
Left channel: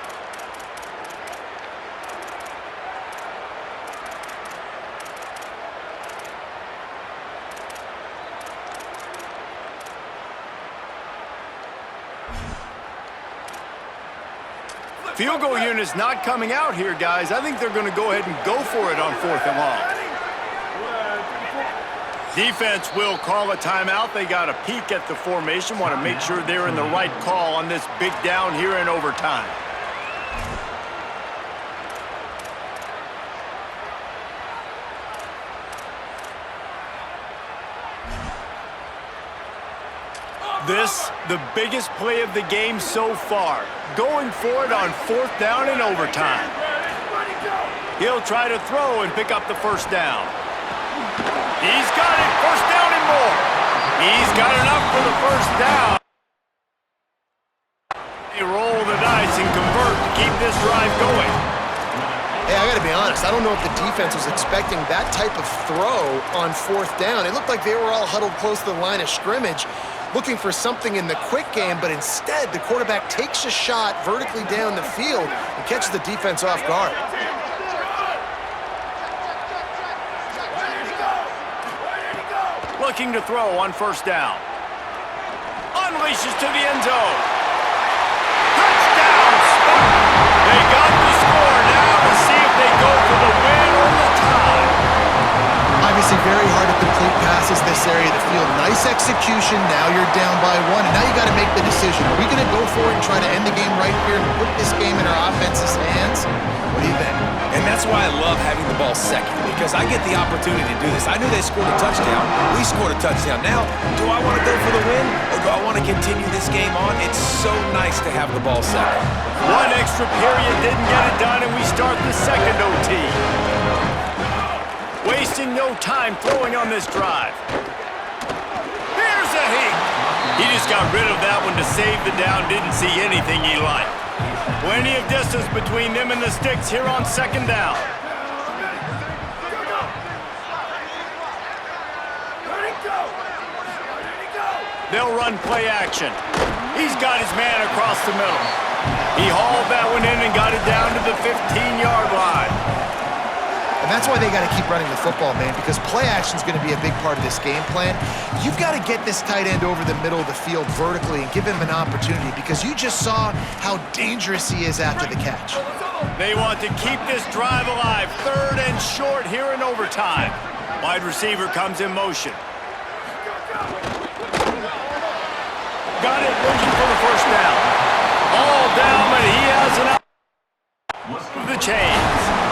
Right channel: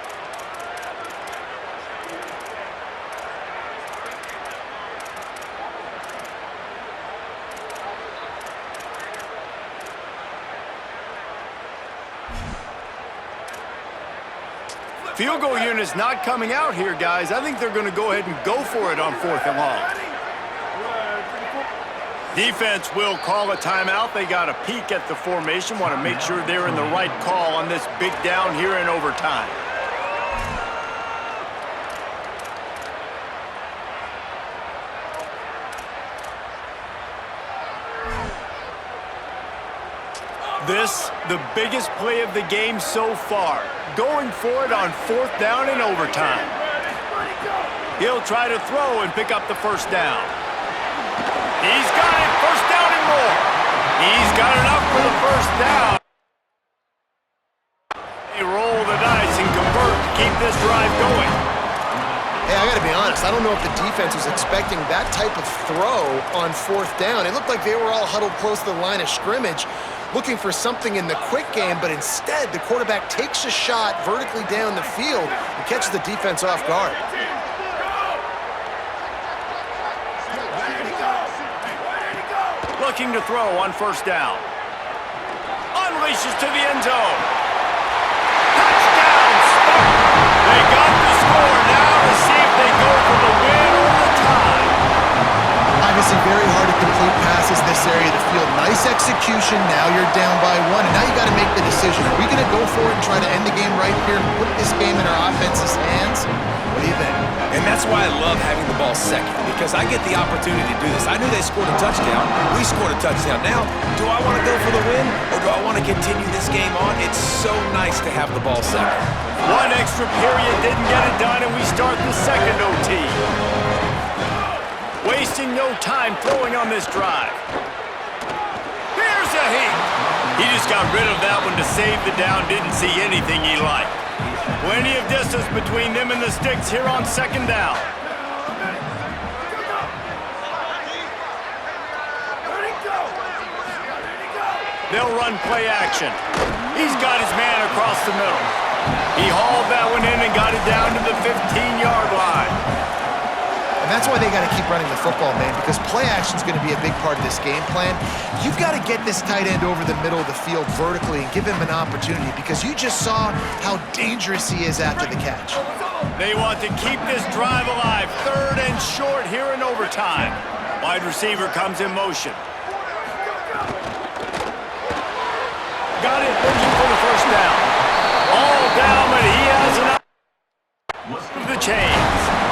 Field goal unit's not coming out here, guys. I think they're going to go ahead and go for it on 4th and long. Defense will call a timeout. They got a peek at the formation, want to make sure they're in the right call on this big down here in overtime. This, the biggest play of the game so far. Going for it on 4th down in overtime. He'll try to throw and pick up the first down. He's got it, first down and more. He's got enough for the first down. They roll the dice and convert to keep this drive going. Hey, I gotta be honest, I don't know if the defense was expecting that type of throw on 4th down. It looked like they were all huddled close to the line of scrimmage, looking for something in the quick game, but instead the quarterback takes a shot vertically down the field and catches the defense off guard. Looking to throw on 1st down. Unleashes to the end zone. Touchdown, Spartan! They got the score now to see if they go for the win or the tie. Obviously very hard to complete passes this area of the field. Nice execution. Now you're down by 1, and now you got to make the decision. Are we going to go for it and try to end the game right here and put this game in our offense's hands? What do you think? And that's why I love having the ball second, because I get the opportunity to do this. I knew they scored a touchdown. We scored a touchdown. Now, do I want to go for the win, or do I want to continue this game on? It's so nice to have the ball second. One extra period didn't get it done, and we start the second OT. Wasting no time throwing on this drive. Here's a heat. He just got rid of that one to save the down. Didn't see anything he liked. Plenty of distance between them and the sticks here on 2nd down. They'll run play action. He's got his man across the middle. He hauled that one in and got it down to the 15-yard line. And that's why they got to keep running the football, man, because play action is going to be a big part of this game plan. You've got to get this tight end over the middle of the field vertically and give him an opportunity, because you just saw how dangerous he is after the catch. They want to keep this drive alive. 3rd and short here in overtime. Wide receiver comes in motion. Got it, looking for the first down. All down, but he has an out of the chains.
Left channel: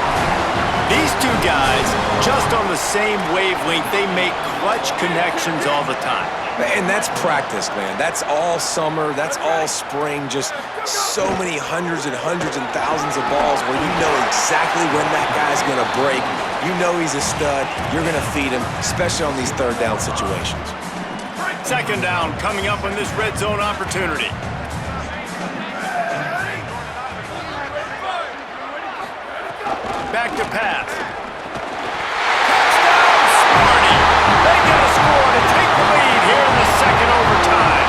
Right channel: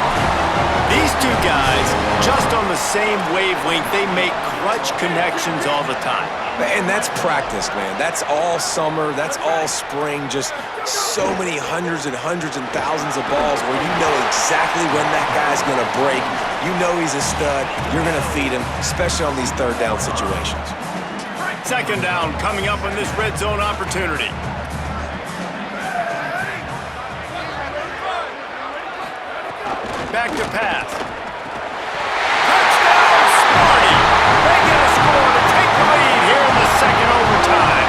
These two guys, just on the same wavelength, they make clutch connections all the time. And that's practice, man. That's all summer. That's all spring. Just so many hundreds and thousands of balls where you know exactly when that guy's going to break. You know he's a stud. You're going to feed him, especially on these 3rd down situations. 2nd down coming up on this red zone opportunity. Back to pass. Touchdown, Sparty! They get a score to take the lead here in the 2nd overtime.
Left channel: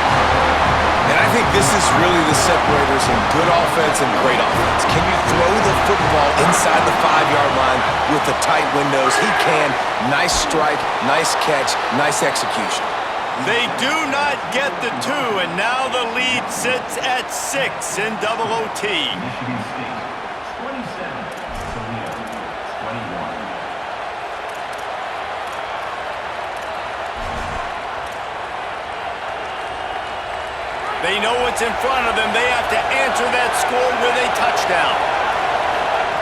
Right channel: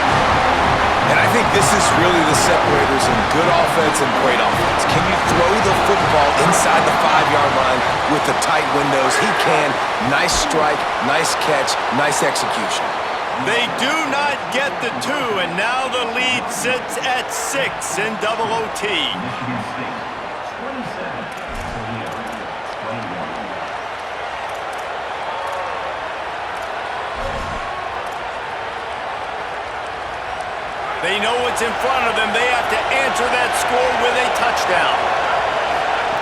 And I think this is really the separators in good offense and great offense. Can you throw the football inside the 5-yard line with the tight windows? He can. Nice strike, nice catch, nice execution. They do not get the 2, and now the lead sits at 6 in double OT. Michigan State, 27. Toledo, 21. They know what's in front of them. They have to answer that score with a touchdown.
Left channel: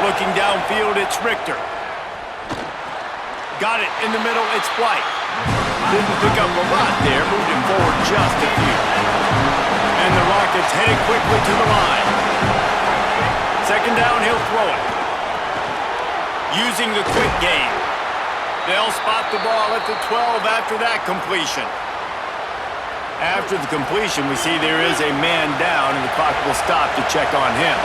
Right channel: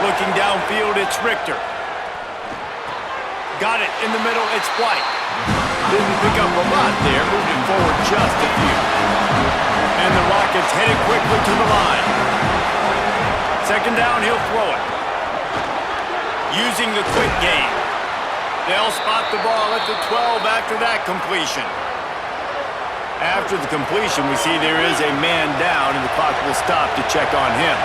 Looking downfield, it's Richter. Got it in the middle, it's White. Didn't pick up a lot there, moved it forward just a few. And the Rockets headed quickly to the line. 2nd down, he'll throw it. Using the quick game. They'll spot the ball at the 12 after that completion. After the completion, we see there is a man down, and the clock will stop to check on him.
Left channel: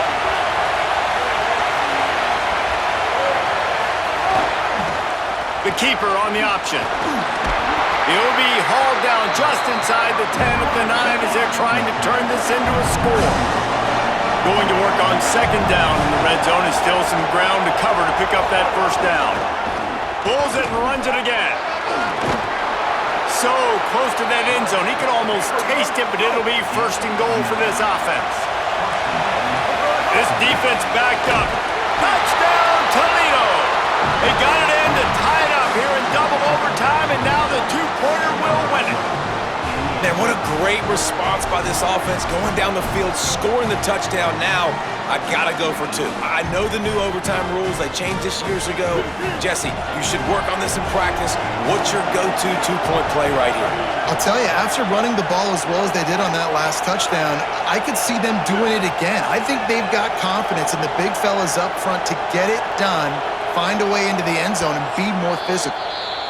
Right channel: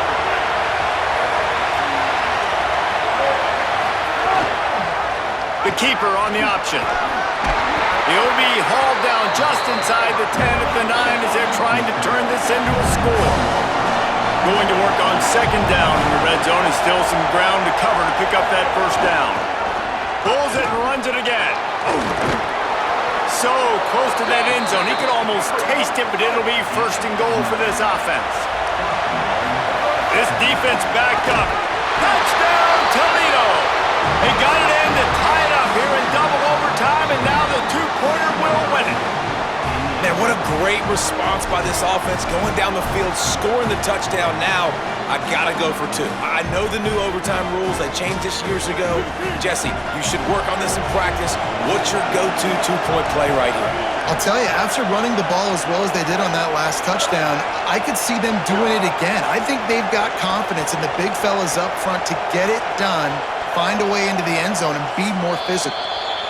The keeper on the option. He'll be hauled down just inside the 10 at the 9 as they're trying to turn this into a score. Going to work on 2nd down in the red zone, and still some ground to cover to pick up that first down. Pulls it and runs it again. So close to that end zone. He could almost taste it, but it'll be 1st and goal for this offense. This defense backed up. Touchdown, Toledo! They got it in to tie it up here in double overtime, and now the two-pointer will win it. Man, what a great response by this offense, going down the field, scoring the touchdown. Now, I gotta go for two. I know the new overtime rules, they changed this years ago. Jesse, you should work on this in practice. What's your go-to two-point play right here? I'll tell you, after running the ball as well as they did on that last touchdown, I could see them doing it again. I think they've got confidence in the big fellas up front to get it done, find a way into the end zone, and be more physical.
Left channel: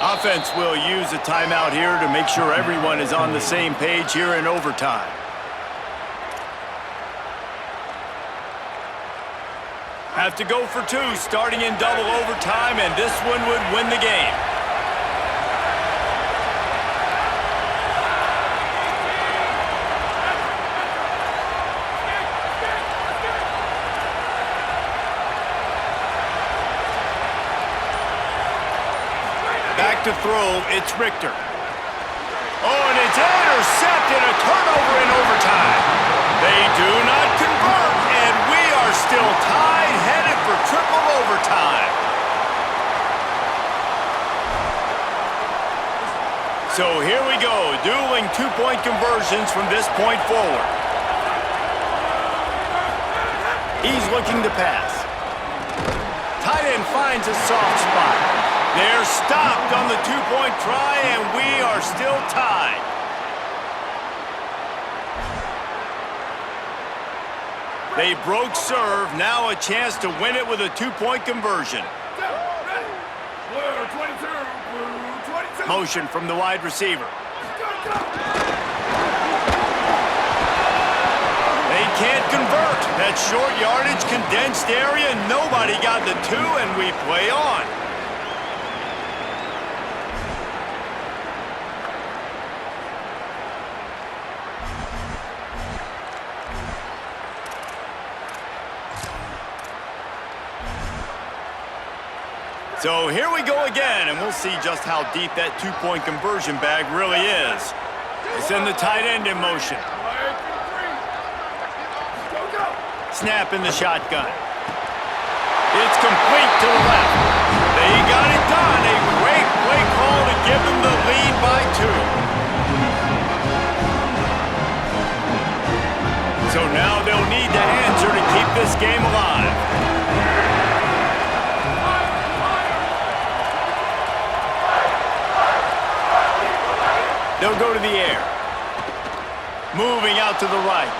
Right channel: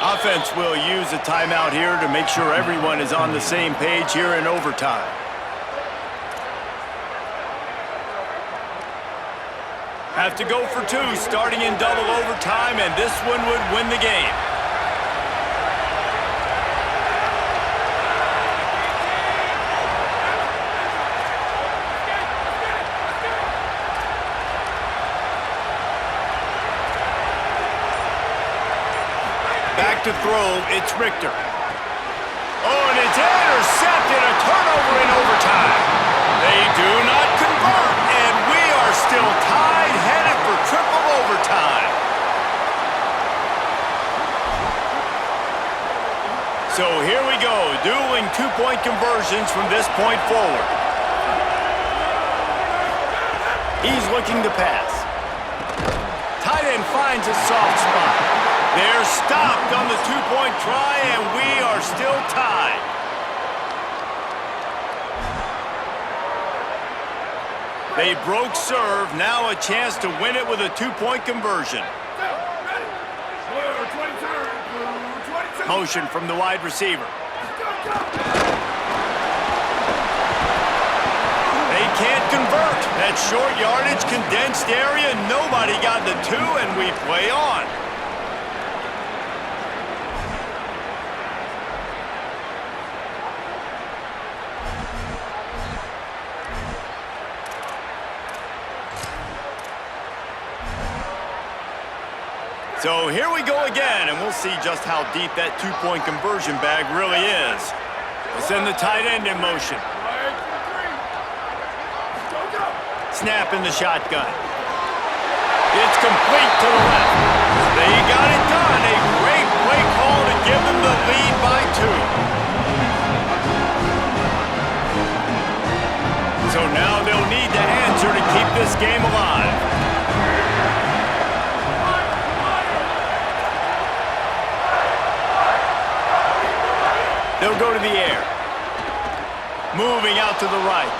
Offense will use a timeout here to make sure everyone is on the same page here in overtime. Have to go for two, starting in double overtime, and this one would win the game. Back to throw, it's Richter. Oh, and it's intercepted, a turnover in overtime. They do not convert, and we are still tied, headed for triple overtime. So here we go, dueling two-point conversions from this point forward. He's looking to pass. Tight end finds a soft spot. They're stopped on the two-point try, and we are still tied. They broke serve, now a chance to win it with a two-point conversion. Motion from the wide receiver. They can't convert. That short yardage, condensed area, nobody got the two, and we play on. So here we go again, and we'll see just how deep that two-point conversion bag really is. They send the tight end in motion. Snap in the shotgun. It's complete to the left. They got it done. A great play call to give them the lead by two. So now they'll need to answer to keep this game alive. They'll go to the air. Moving out to the right.